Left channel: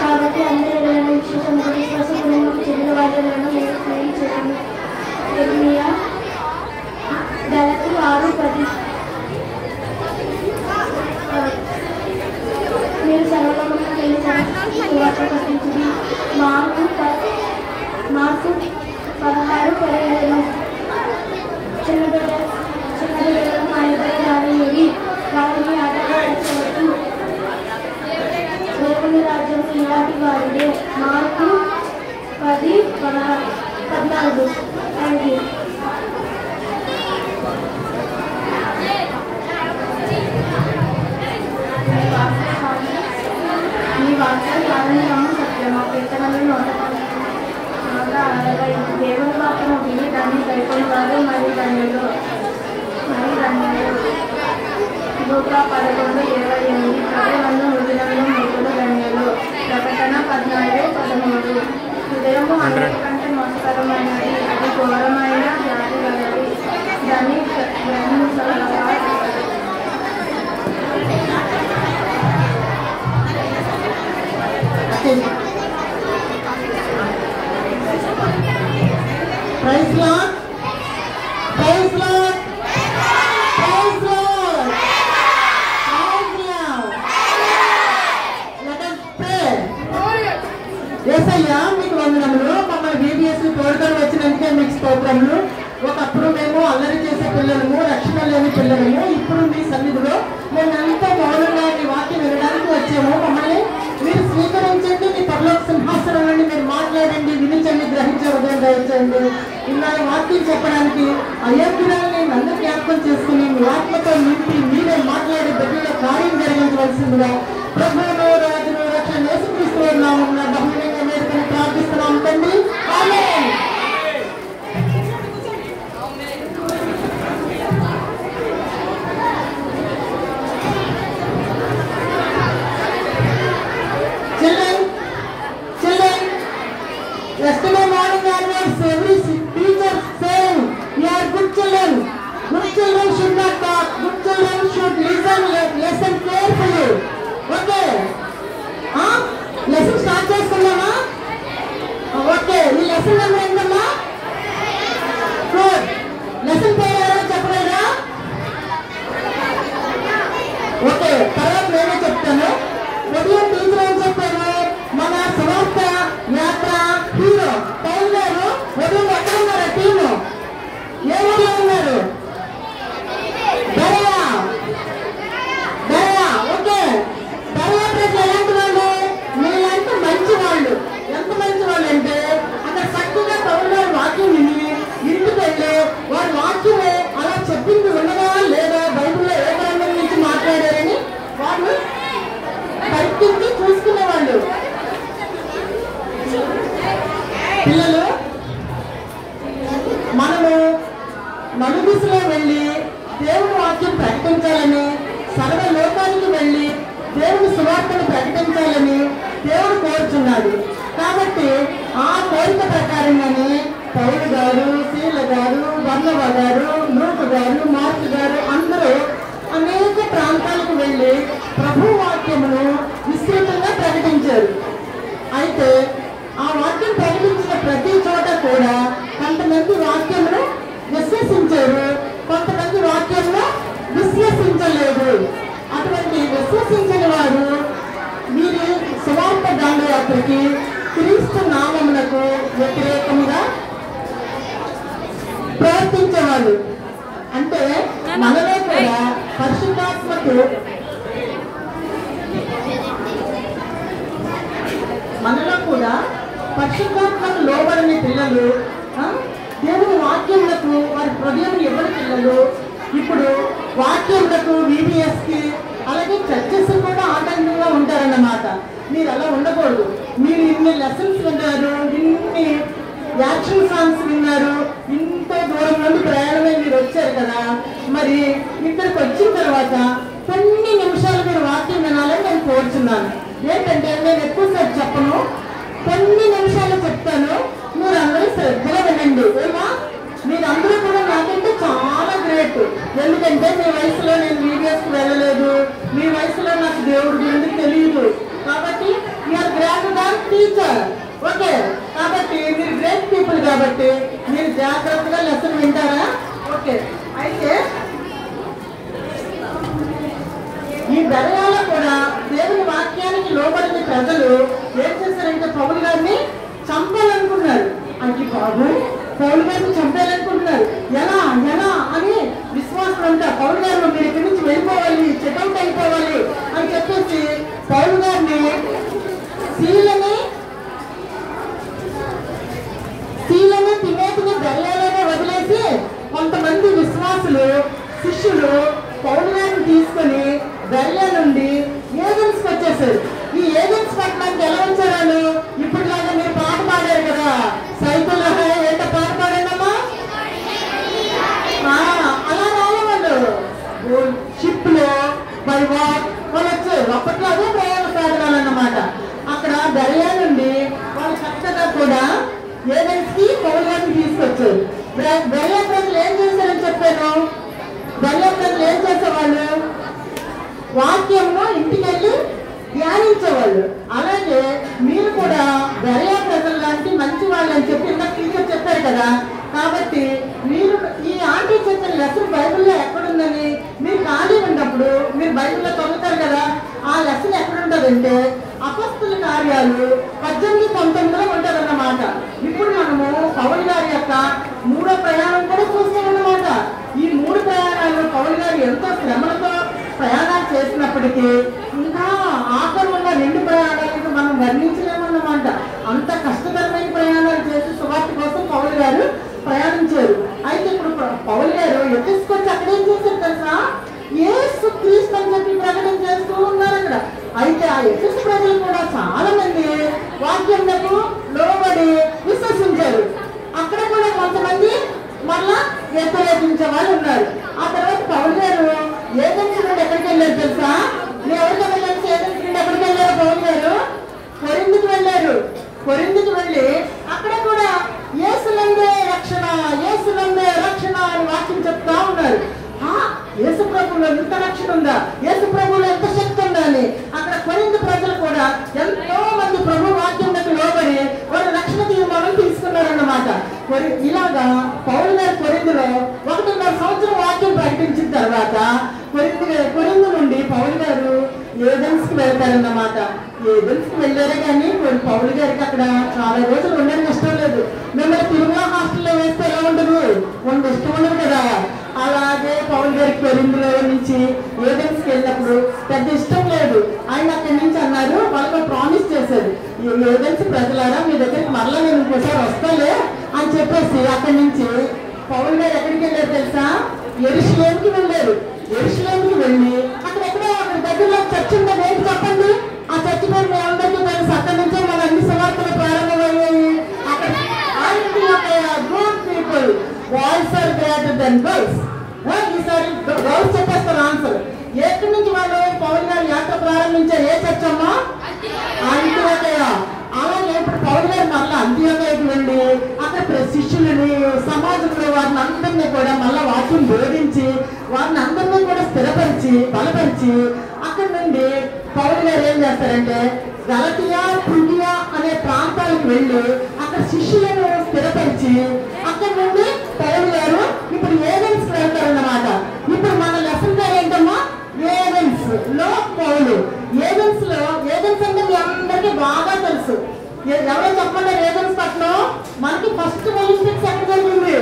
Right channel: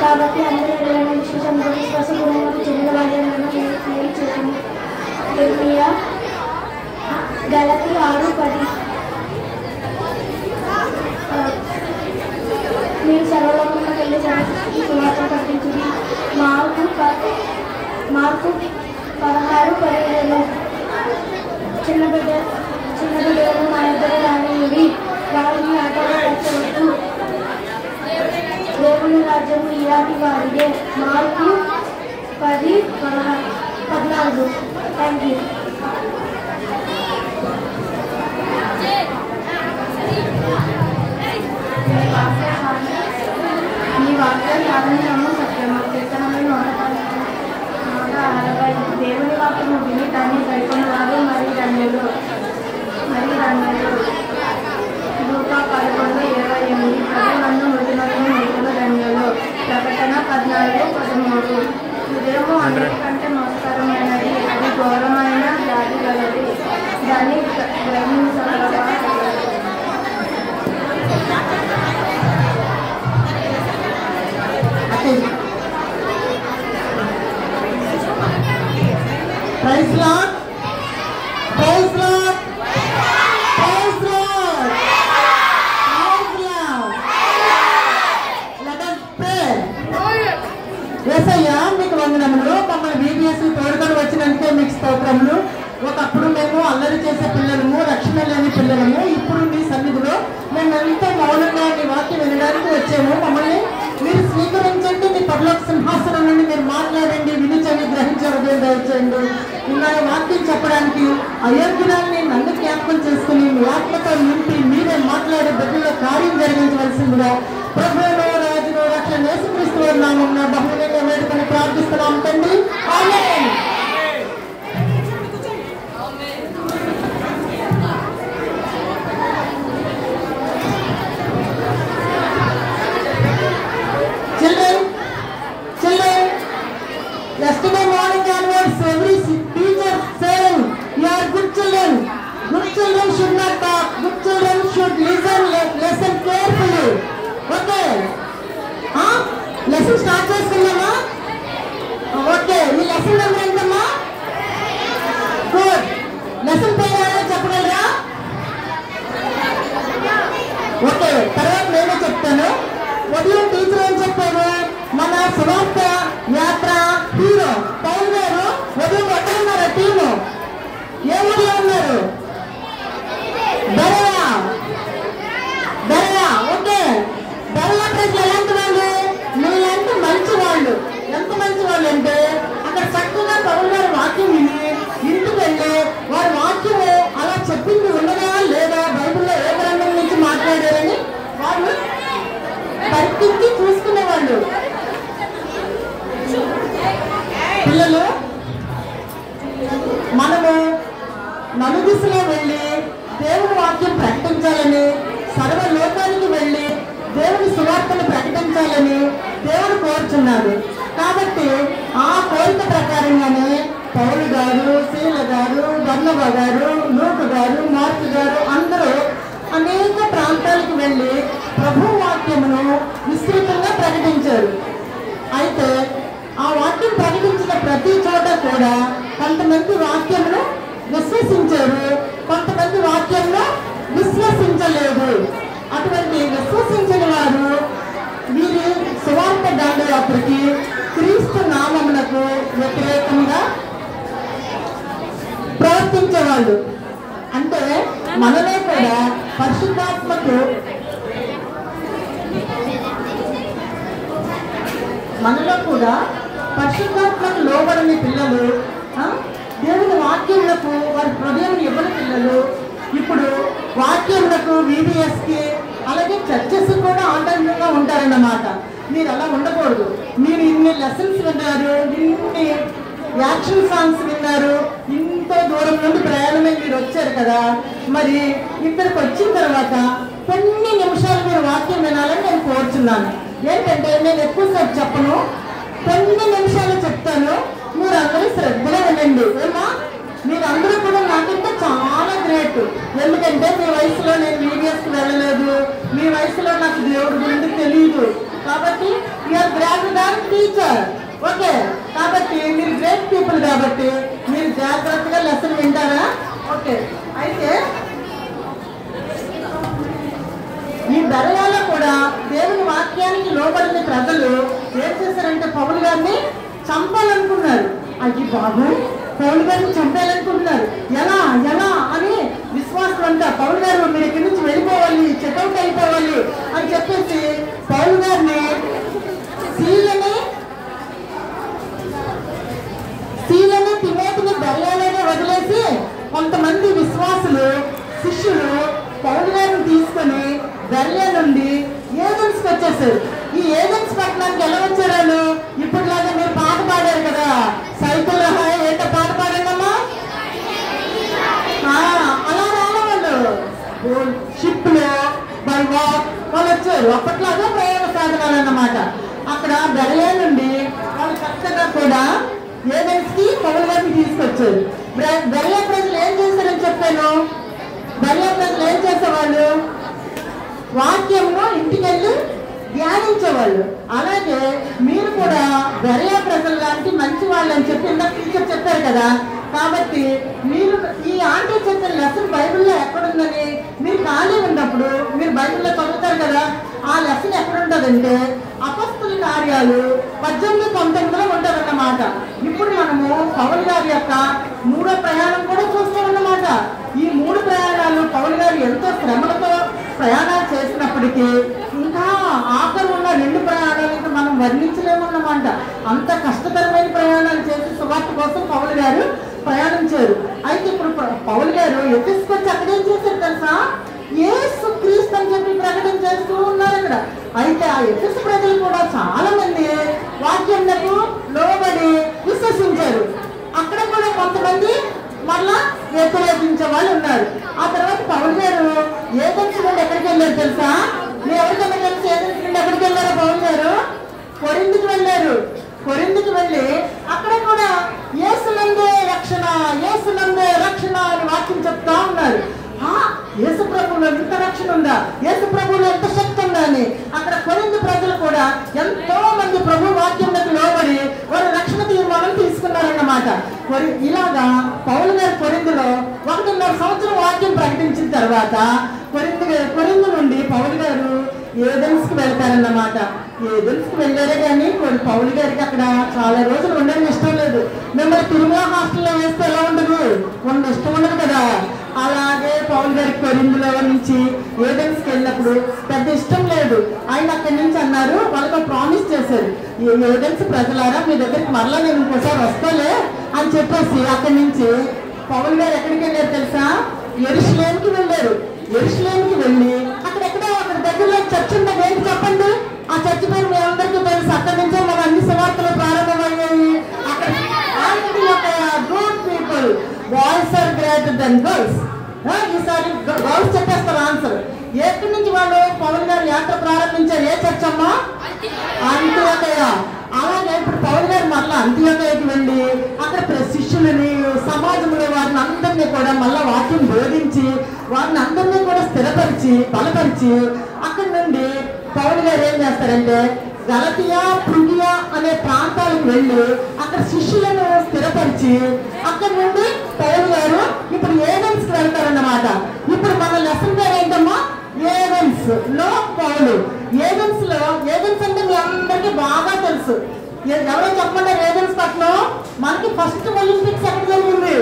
కాబట్టి అందరూ చెందిన వాటిలను చేయండి. గలతి 6:10 మీరు సర్వలోకమున వెళ్ళి సువార్త ప్రకటించుడి. మార్కు 16:17 చిన్న బిడ్డలను నా దగ్గర రానివ్వండి, వారిని ఆటగా వచ్చవద్దు, దేవుని రాజ్యం ఇలాంటి వారిదే. మార్కు 10:14. Thank you. ఈ వాక్యం కారణము సత్యము కీర్తనలు 145. దేవుని వాక్యము విని దాన్ని గడిపిన వారు మరి ధన్యులు. లూకా 11:28. ప్రజలను వదిలిన మిగులు ధన్యులు. ప్రకటన 14:13. హృదయము అన్నిటికంటే మోసకరమైనది, అది ఘోరమైన వ్యాధి గలది, దాన్ని గ్రహించగలవా? Praise Lord. Praise Lord. Praise Lord. Let us pray. యేసయ్యా మీకు వందనములు. మమ్మల్ని బీబీఎస్ తోడుకొని వచ్చినందుకే మీకు స్తోత్రములు. ఒకప్పుడు మేము అల్లరి చేసే పిల్లలము, రక్షణ లేని పిల్లలము. ఇప్పుడు మీ సన్నిధిలో మేము ఎంతో మౌనంగా మీ వాక్యం వినడానికి వచ్చాము. మమ్మల్ని మీరు స్వీకరించండి. మీ పరలోక సింహాసనం నుండి మీరు మాట్లాడండి, వినించండి, గ్రహించే ఉదయం దయచేయండి. ఇలా వాక్యం చెప్పడానికి అయోగ్యురాన్ని నన్ను జ్ఞాపకం చేసుకుని మీ ఆత్మతో నింపి మీరే మాట్లాడే బిడ్డలో కార్యం జరిగించవలసిందిగా ప్రభువు రాజు రక్షణ యేసుక్రీస్తు నామమున బహుళంగా వేడుకొని ప్రార్థిస్తున్నాం తండ్రి. ఆమేన్. Children, yesterday morning onwards, every teacher saying, "You are good children. Good children should not talk. Good children should listen carefully." Okay? Lesson start చేసుకున్నామా? Okay. Me lesson number ఎంతమ్మా? Good. Lesson పేరు ఎవరో చెప్పగలరా? Okay. తర్వాత నేనే చెప్తాను. ఉదయం teacher ఏం చెప్పాను? మన సమాప్త యాత్ర హీరో పౌల్ గారు ఉదయం ఎక్కడ ఉన్నారు? టీము ఏ ఊళ్ళో ఉన్నారు? దర్గా. ఓకే. దర్గా ప్రజలు ఎలాంటి వాళ్ళు? మీలాంటి మంచి వాళ్ళు. ఎంత మంచి వాళ్ళు అంటే అక్కడ చక్కగా పౌల్ గారు వాక్యం విని ఇంటికి వెళ్ళి వారి వాక్యము అలా చెప్పింది ఉన్నదా లేదా, బైబిల్లో ఏ గ్రంథం నుంచి మాట్లాడారని వాళ్ళు పరిస్థితి చూసుకునేవాళ్ళు. పిల్లలు, మనము నలుదిశలో వెళ్ళి దేవుని వాక్యం ప్రకటించాలని, సర్వ లోకానికి వెళ్ళి దేవుని సువార్తను ప్రకటించాలని దేవుడు కోరుచున్నాడు. కాబట్టి ఆ కోరిక ప్రకారంగానే పౌలు గారు, శీల గారు, బర్నబా గారు, లూకు గారు, మార్కు గారు అందరూ అనేక ప్రాంతాలకు వెళ్ళి ప్రభు వాక్యమును విస్తృతంగా ప్రకటించారు. అయితే ఆ వాక్యం ప్రకటించిన ప్రతి చోట కూడా కొంతమంది వాక్యమును విశ్వసించారు, కొంతమంది వాక్యంలో విశ్వసించలేదు. అటువంటి విశ్వసించిన వారు వీరి సువార్త దండయాత్రకి క్రీస్తు నామమునకు వ్యతిరేకంగా ప్రవర్తించేవాళ్ళు. అంటే మనలో కూడా పరిశుద్ధాత్మకు లోబడని పిల్లలు, దేవుని వాక్యములకు వారి హృదయం ఇవ్వని పిల్లలు ఇప్పుడు వాక్యములకు VBSకి అలాగే చర్చెస్ కూడా ఆటంకంగా ఉంటారన్నమాట. మీరు అలా ఉండకూడదు. మీరు ఇన్ని లెసన్స్ విన్నారు, ఇన్ని యాక్షన్ సాంగ్స్ విన్నారు, ఇంత దూరం నుండి ప్రయాణమే మీరు వచ్చారు కదా. మరి ఇక్కడికి వచ్చిన తర్వాత తర్వాత కొన్ని నిమిషాలు మీరు వాక్యం వినాలని నేను కోరుచున్నాను. ఏంటంటే నేను ఎక్కువసేపు చెప్పను, కొన్ని నిమిషాలు చెప్తాను, మీరు అందరూ శ్రద్ధగా వినండి. ఏమా మీరందరూ కూడా నాకంటే చాలా గ్రేట్. ఎందుకంటే మీ వయసులో నేను వీడియోస్కి వెళ్ళలేదు, మీ వయసులో నాకు దేవుడి గురించి తెలియదు. కాబట్టి you're greater than teacher. Okay, కాబట్టి మీరు గ్రేట్ పీపుల్ కాబట్టి మీరు జాగ్రత్తగా లెసన్ వింటారా? ఓకే, అయితే ఈ బెరయాలో కూడా దేవుని వాక్యానికి లోబడిన ప్రజలు ఏం చేశారంటే పౌలు గారిని చంపాలనుకున్నారు. అది బాబు పౌలు గారిని చంపాలనుకుంటున్నారు. ఎలా ఎలా అని విశ్వాసం అంతా పౌలు గారు మీరు ఇక్కడి నుంచి వెళ్ళిపోవాలి, చెక్అవుట్ అయిపోవాలి అని చెప్పేసి పౌలు గారిని శీలని తిమోతిని బెరయాలోనే వదిలేసి కొంతమంది విశ్వాసులు శిష్యులు పౌలు గారిని తీసుకొని బెరయా నుండి ఏథెన్స్కి వచ్చేసారు. ఈ ఏథెన్స్ పట్టణానికి ఎలా వచ్చారు? ఇప్పటిలాగా మీరు పాట పాడారు కదా, సైకిల్ ఏంటో పాట పాడారమ్మా. అలా రాలేదు, షిప్ లో బై వాక్ వాళ్ళు వచ్చారు. అప్పట్లో అదే ప్రయాణ సాధనాలు అన్నమాట. అక్కడ బెరయా నుండి వాళ్ళు చక్కగా కూడా ఏథెన్స్ కి పౌలు గారిని తీసుకొచ్చారు. బెరయా ప్రజలు ఏం చేశారని చెప్పాను. బెరయా ప్రజలు ఏం చేసేవాళ్ళు? వాక్యంలో ఇంటికి వెళ్ళి ధ్యానించేవాళ్ళు. అలాగే మీరు కూడా బెరయా ప్రజలు లాంటి మంచి వాళ్ళు అని చెప్పి ఇందాక టీచర్ చెప్పారు కదా. కాబట్టి మీరు ఈ ఆంటీ చెప్పిన లెసన్ బైబిల్లో ఎక్కడుందని మీరు ఖాళీ ఉన్నప్పుడు మీరు బైబిల్లో చదువుతారు కదా. ఆ లెసన్ ఎక్కడుంటుందంటే అపొస్తలుల కార్యాలు 18-19లో ఉంటుందన్నమాట. ఇప్పుడు మనము పౌలు గారి యొక్క 3వ ప్రయాణం కూడా చూస్తామన్నమాట. ఈ 3 ప్రయాణాలు పౌలు గారు ఎంతో శ్రమలతో ప్రయాణాలు చేసినప్పటికీ ఇంకా ఆఖరి ఉన్న 2 ప్రయాణాలకు మనం వర్ణించలేమన్నమాట. అంత కష్టతరమైన ప్రయాణాలు చేసి సువార్త కోసం పౌలు గారు ప్రయాణించారు. అయితే ఇప్పుడు పౌలు గారు ఎఫెసుకొచ్చి అక్కడ ఏం చేశారు తెలుసా? యేసు క్రీస్తు అని చెప్పి ప్రకటన చేస్తూ ఉన్నారు అక్కడ. అయితే ఆ ఎఫెసు ప్రజలు కూడా చాలా మంది వాక్యంలకు లోబడి విశ్వసించారు. అక్కడ కూడా కొంతమంది మళ్ళా వ్యతిరేకించే వాళ్ళు ఉన్నారు. ఆ తర్వాత పౌలు గారు ఏథెన్స్ నుండి ఎక్కడికి వెళ్ళారు తెలుసా? మీరు ఎవరికైనా తెలిసి ఏథెన్స్ నుండి ఎక్కడికి వెళ్ళారు? పౌలు గారు కొరింథీకి వెళ్ళారు. కొరింథీకి వెళ్ళి అక్కడ కూడా యేసునందే రక్షణ, యేసునందే రక్షణ అని వాక్యం చెప్తా ఉన్నారు. యేసు ప్రభువులో ఎంత రక్షణ ఉందా, యేసు ప్రభువులో ఎంత శక్తి ఉందా అని అక్కడ కొరింథీ ప్రజలు కూడా ఎంతో మంది ప్రభు వాక్యంలోకి లోబడి వారు రక్షణ తీర్మానం తీసుకున్నారన్నమాట. ఇలాగా పౌలు గారు కొరింథీలో 1.5 సంవత్సరం వాక్యం ప్రకటించిన తర్వాత కొరింథీ నుండి పౌలు గారు ఏథెన్స్కి వెళ్తారన్నమాట. ఏథెన్స్కి వెళ్ళారే కానీ పౌలు గారికి అక్కడ చాలా రోజులు ఉండడం ఇష్టం లేదు. మిమ్మల్ని తిరుమల హాస్టల్లో వేస్తే ఎలా ఉండదు? ఇష్టం ఉండదు కదా. అలాగే పౌలు గారికి కొరింథీలో నుంచి ఏథెన్స్కి వెళ్ళినప్పుడు పెద్ద ఇష్టం లేదు. ఆయన అక్కడి నుంచి అన్నారు, వాళ్ళకి ప్రామిస్ చేశారు, ఏథెన్స్ ప్రజలారా మీ దగ్గరికి మరలా నేను ఇంకోసారి వస్తాలే అని చెప్పేసి అక్కడి నుంచి పౌలు గారు ఎక్కడికి వెళ్ళారు తెలుసా? యెరూషలేముకి వెళ్ళారు. యెరూషలేముకి వెళ్ళి అక్కడ దగ్గరలో చర్చ్ ఉందని ఏంటి చెప్పండి? ఆ చర్చ్ పేరు మీ అందరికీ తెలుసు. అక్కడి నుంచే మన అన్ని సువార్తలు ప్రారంభమయ్యాయి. Good people, boys are greater than girls. ఈసారి గర్ల్స్ చెప్పేస్తారు ఆన్సర్. ఎక్కడి నుంచి వాళ్ళు పౌలు గారు యాత్ర ప్రారంభించారు? ఏ చర్చ్ అమ్మా? అంత్యోదయ. అలాగే ఇప్పుడు పౌలు గారు మళ్ళీ అంత్యోదయకి వెళ్ళి అక్కడ శిష్యులని సమాజంలో వారిని అందరినీ కూడా మళ్ళీ వాక్యం బోధించి వారిని అందరినీ కూడా స్థిరపరిచి బలపరిచి అక్కడి నుండి పౌలు గారు ఏం చేస్తారంటే గలతియా, ఫ్రుగియా అనే ప్రాంతాలకు వెళ్ళి అక్కడ శిష్యులను స్థిరపరిచి అక్కడి నుండి పౌలు గారు ఇప్పుడు ఏథెన్స్కి వెళ్తారన్నమాట. ఇప్పుడు మన లెసన్ పేరు ఏంటమ్మా? ఏథెన్స్ లో పౌలు. ఏథెన్స్ అంటే మీ అందరికీ బాగా తెలుసు. ఎవరో చెప్పండి, ఏథెన్స్ పట్టణం మనకి ఫస్ట్ ఒలింపిక్స్ ఎక్కడ జరిగింది?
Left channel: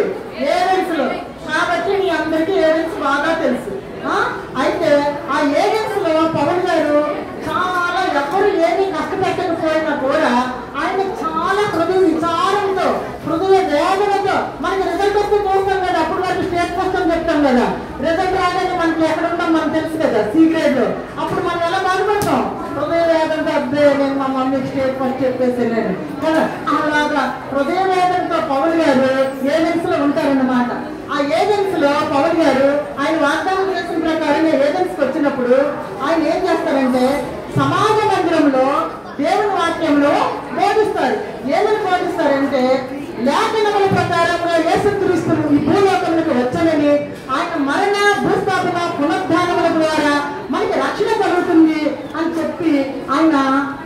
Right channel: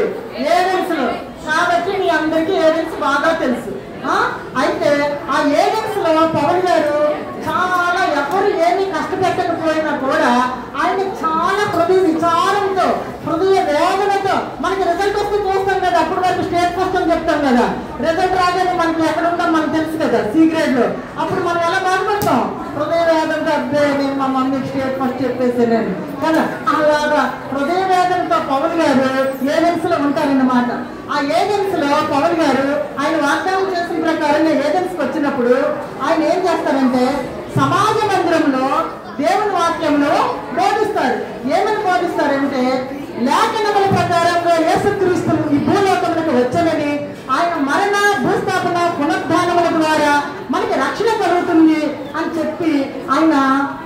ఏథెన్స్ లో. కాబట్టి మీ అందరికీ ఏథెన్స్ బాగా తెలుసు. అయితే ఆ ఏథెన్స్ లో పౌలు గారు చాలా ఎవరు ఏమీ కష్టపెట్టకపోయినా కూడా ఆయన చాలా హృదయ విచారంతో హృదయ వేదనతో మనకి రిజల్ట్ వస్తే చూస్తాం కదా. అప్పుడు మనకి స్టేట్ ఫస్ట్ అని చెప్తాం కదా. రిజల్ట్ రాగానే మనకి ఎక్కడ ఉంటాం మనకు తెలుసు కదా, సీక్రెట్ లో. అప్పుడు మనం ఎలా బాధపడతాం? హృదయ వేదంతో అబ్బే నేను మా మమ్మీకి స్టేట్ ఫస్ట్ చెప్పేసి నేను కదా. అలాగా హృదయ వేదంతో పౌలు గారు ఏథెన్స్ లో ఉంటారన్నమాట. ఆ ఏథెన్స్ లో పౌలు గారు ఆయన వాగ్దానం చేసిన ప్రకారంగా ఏథెన్స్ చెప్పి ఆయన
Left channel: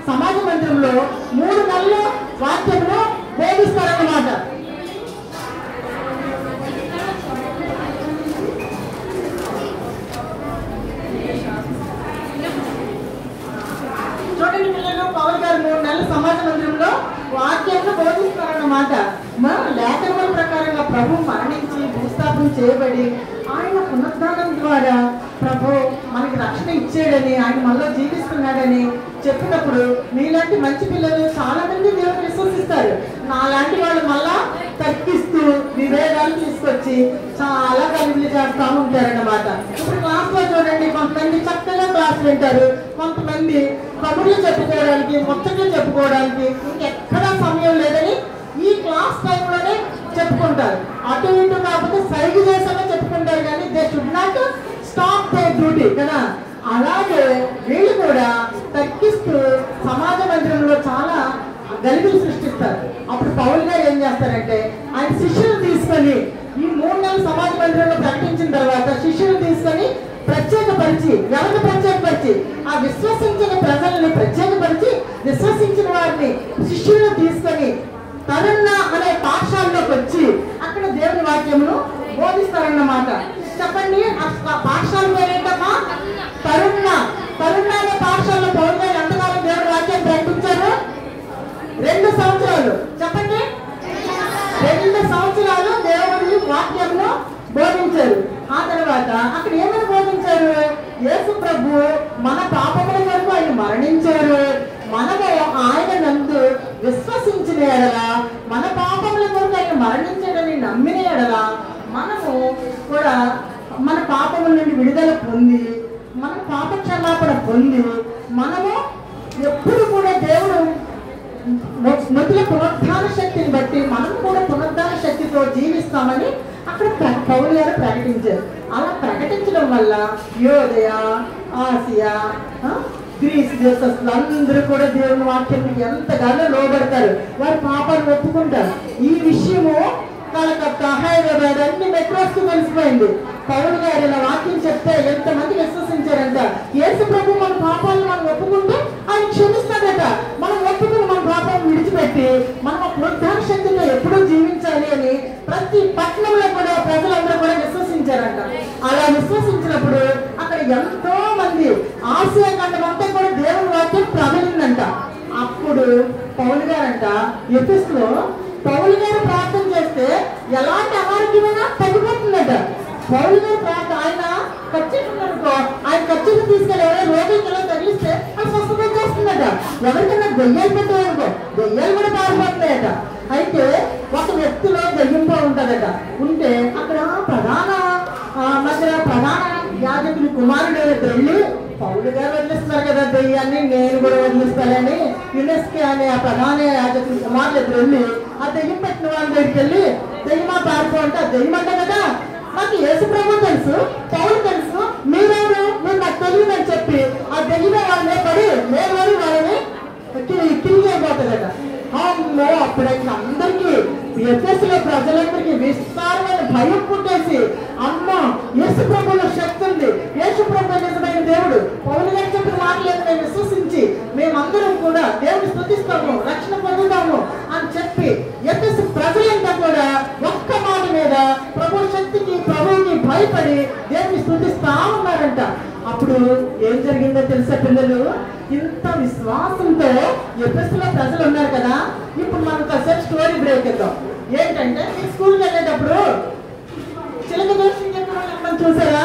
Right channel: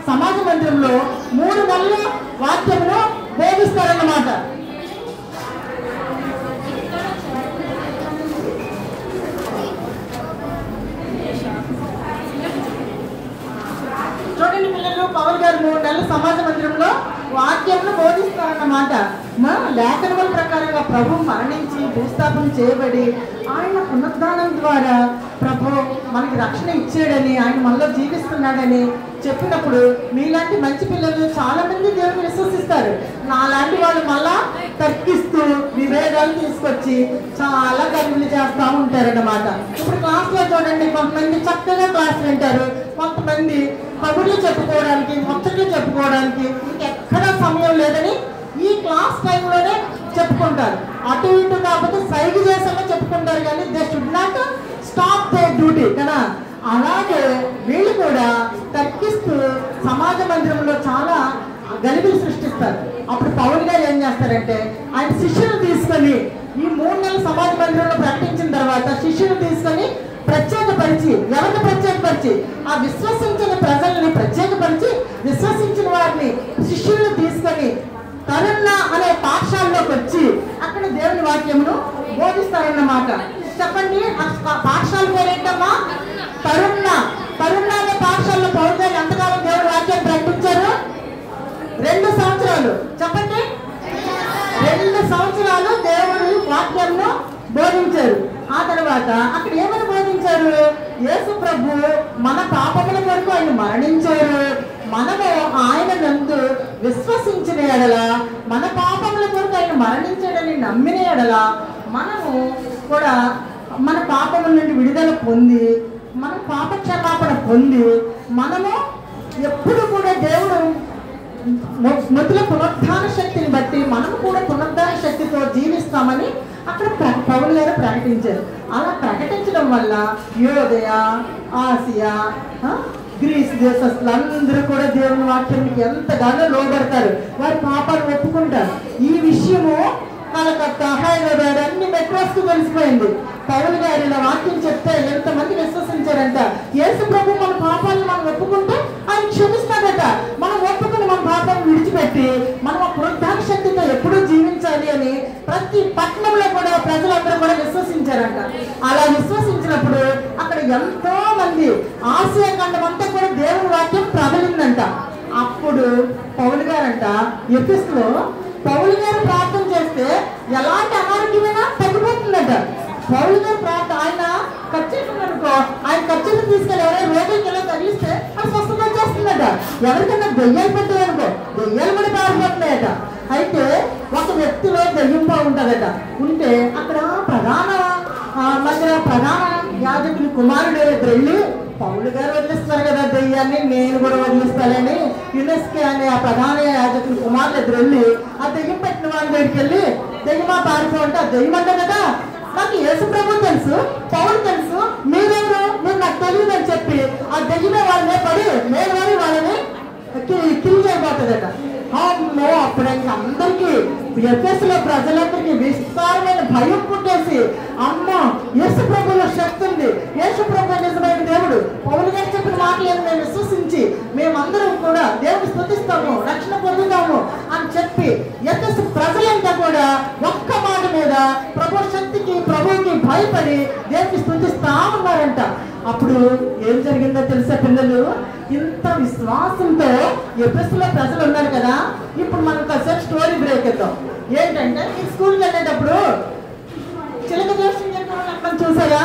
సమాజ మందిరంలో 3 నెలలు వాక్యంలో బోధిస్తారన్నమాట. చూడండి పిల్లలు, పవన్ గారు 3 నెలలు సమాజ మందిరంలో వాక్యంలో బోధిస్తారన్నమాట. లేఖనముల ప్రకారంగా ప్రభు మరణించి భూస్థాపన చేయబడి ఆయన పునరుద్ధానం ద్వారా ప్రభు మనకి రక్షణ ఇచ్చాడని, ఆయన మనలో జీవిస్తున్నాడని చెప్పినప్పుడు మీలాంటి మంచి పిల్లలు చాలా మంది దేవుని విశ్వసిస్తారు. నాలాంటి వాళ్ళు మళ్ళా తర్కిస్తూ విభేదాలు తీసుకొచ్చి చాలా గర్భిణి చేస్తూ ఉంటారన్నమాట. ఇప్పుడు క్లాస్లో చూడండి, కొంతమంది చక్కగా క్లాస్ వింటారు, కొంతమంది కబుర్లు చెప్పుకోవడానికి, ముచ్చట్లు చెప్పుకోవడానికి ఇంకెక్కడా సమయం లేదని ఈ క్లాస్ టైంలోనే చెప్పుకుంటారు. అటు ఇటు కాకపోతే సైగ చేసామో చెప్పుకుంటారు, కానీ they should not stop they duty కదా. అలాగే వీళ్ళు కూడా తర్కిస్తూ సమాజ మందిరంలో చాలా గలిబిలు సృష్టిస్తారు. అప్పుడు పౌలు గారు ఏం చేస్తారంటే, ఆయన శిష్యులు తీసుకొని ఈ 3 నెలలు సమాజ మందిరంలో ప్రకటించిన తర్వాత శిష్యులు తీసుకొని ప్రత్యేకపరిచి, ఎవరిని ప్రత్యేకపరిచి, ఆ విశ్వసించిన ప్రజల్ని ప్రత్యేకపరిచి విశ్వసించిన వారిని శిష్యులను తీసుకొని తరుణ అనే పాఠశాలలోకి వచ్చి అక్కడ దేవుని వాక్యమును బోధిస్తారన్నమాట. చెప్పండి, పాఠశాల పేరేంటమ్మా? తరుణ. తరుణ అనే పాఠశాలలో పౌలు గారు ఎంతకాలం దేవుని వాక్యాన్ని ప్రకటించారు? 2 సంవత్సరాలు. చెప్పండి, 2 సంవత్సరాలు దేవుని వాక్యాన్ని బోధించారు. ఆ తర్వాత అక్కడ ఏమని బోధించారు? యేసు ప్రభు మన పాపముల కొరకు ఆయన మరణించారు, మనము ఆయన నందు విశ్వసించిన ఎడల, మన పాపముల కొరకు ఆయన మరణించాడని నమ్మిన ఎడల మనము కూడా మన పాపముల నుండి విడుదల పొంది, మన పాప క్షమాపణ పొంది, మనము ఎప్పుడు కూడా దేవుడు స్మృతుల పునరుద్ధాన శక్తిని బట్టి మనం కూడా పునరుద్ధాన శక్తితో జీవిస్తామని అక్కడ పౌలు గారు ప్రకటించారు. అలా ప్రకటించడం వల్ల యూదయ, ఆసియా, గ్రీస్ దేశస్తులు అందరూ కూడా దేవుని వాక్యం ఎంతగానో లోబడతారు, వారి పాపాలు ఒప్పుకుంటారు. ఈ విషయము కలకత్తా, హైదరాబాద్ అన్ని మెట్రోస్ కలిసిపోయింది. పౌలు గారు నా వాక్యం చెప్తే ఎంతమంది విశ్వసించారంట. యేసు ప్రభు మన పాపాలను మనం ఒప్పుకుంటే ఆయన క్షమిస్తాడట. మనం ఒప్పుకుని మన పాపాలను విడిచిపెట్టి మనం పునరుద్ధాన శక్తితో ఎప్పుడూ జీవించాలి అని ప్రతి పట్టణంలో కూడా ప్రజలందరూ కూడా విశ్వసించారంట. అలా విశ్వసించినప్పుడు అక్కడ ఎంతో మంది ఆసియా ఖండం అంతా కూడా దేవుని వాక్యం ప్రబలిందంట. అప్పుడు పౌలు గారంట ఎఫెసులో పౌలు గారు ప్రార్థన చేస్తే ఎలాంటి అనారోగ్యమైనా తగ్గిపోతుందట. పౌలు గారు ప్రార్థన, ఆయన ఖర్చునుకో, ఆయన ఖర్చును తీసుకెళ్ళి ఎవరైనా రోగికి ఎలా తగిలిస్తే అది స్వస్థత చేస్తుందట. ఎవరికైనా దెయ్యాలు పెట్టేవనుకో, దెయ్యాలు కూడా పారిపోతున్నాయట. అయితే ఒక వ్యక్తిలో దెయ్యం ఉంటుందట. ఉంటే అక్కడ ప్రధాన యాజకుని కుమారుడు వెళ్ళి పౌలు గారు వదిలిస్తున్నారు కదా దెయ్యాన్ని, నేను కూడా వదిలిస్తానని యునెస్కే అనే ఆ ప్రధాన యాజకుని కుమారుడు వెళ్ళి ఆ దెయ్యం పెట్టిన వాళ్ళ దగ్గరికి వెళ్ళి, దెయ్యమా పారిపో అంటే, ఆ దెయ్యం అంటే కదా నాకు యేసు ప్రభు తెలుసు, పౌలు తెలుసు, మీరెవరు, మీరు నాకు తెలియదు అని చెప్పి ఆ దెయ్యమే వాళ్ళని పడి నేను వాళ్ళని కిల్ అయిపోతుందట. అమ్మో, అప్పుడైతే అందరికీ ఎఫెసులో ప్రజలందరికీ విస్తారమైన భయం పుట్టేసి, అమ్మ యేసు ప్రభువులో శక్తి ఉంది, యేసు ప్రభు నిజమైన దేవుడు, పౌలు గారు చెప్పిన మాటలను మేము విశ్వసించి మేమందరం కూడా దేవుని స్తుతిస్తాము, రక్షణ పొందుతాము అని చెప్పి ఎఫెసు ప్రజలంతా కూడా ఒక్క మాట మీద ప్రభు శక్తికి, ప్రభువుకి భయపడి దేవుని స్తుతిస్తా ఉన్నారంట. అప్పుడు ఏం జరిగిందో తెలిసే పిల్లలు, ఇంత విశ్వాసంతో ఎఫెసులో ప్రజలు ఉన్నారు కదా. ఇప్పుడు మనం కాసేపు స్టోరీ బ్రేక్ ఇద్దాం. ఏంటంటే, మీరు స్కూల్కి వెళ్ళేటప్పుడు చిలక జోషి చెప్పడం చూసారా?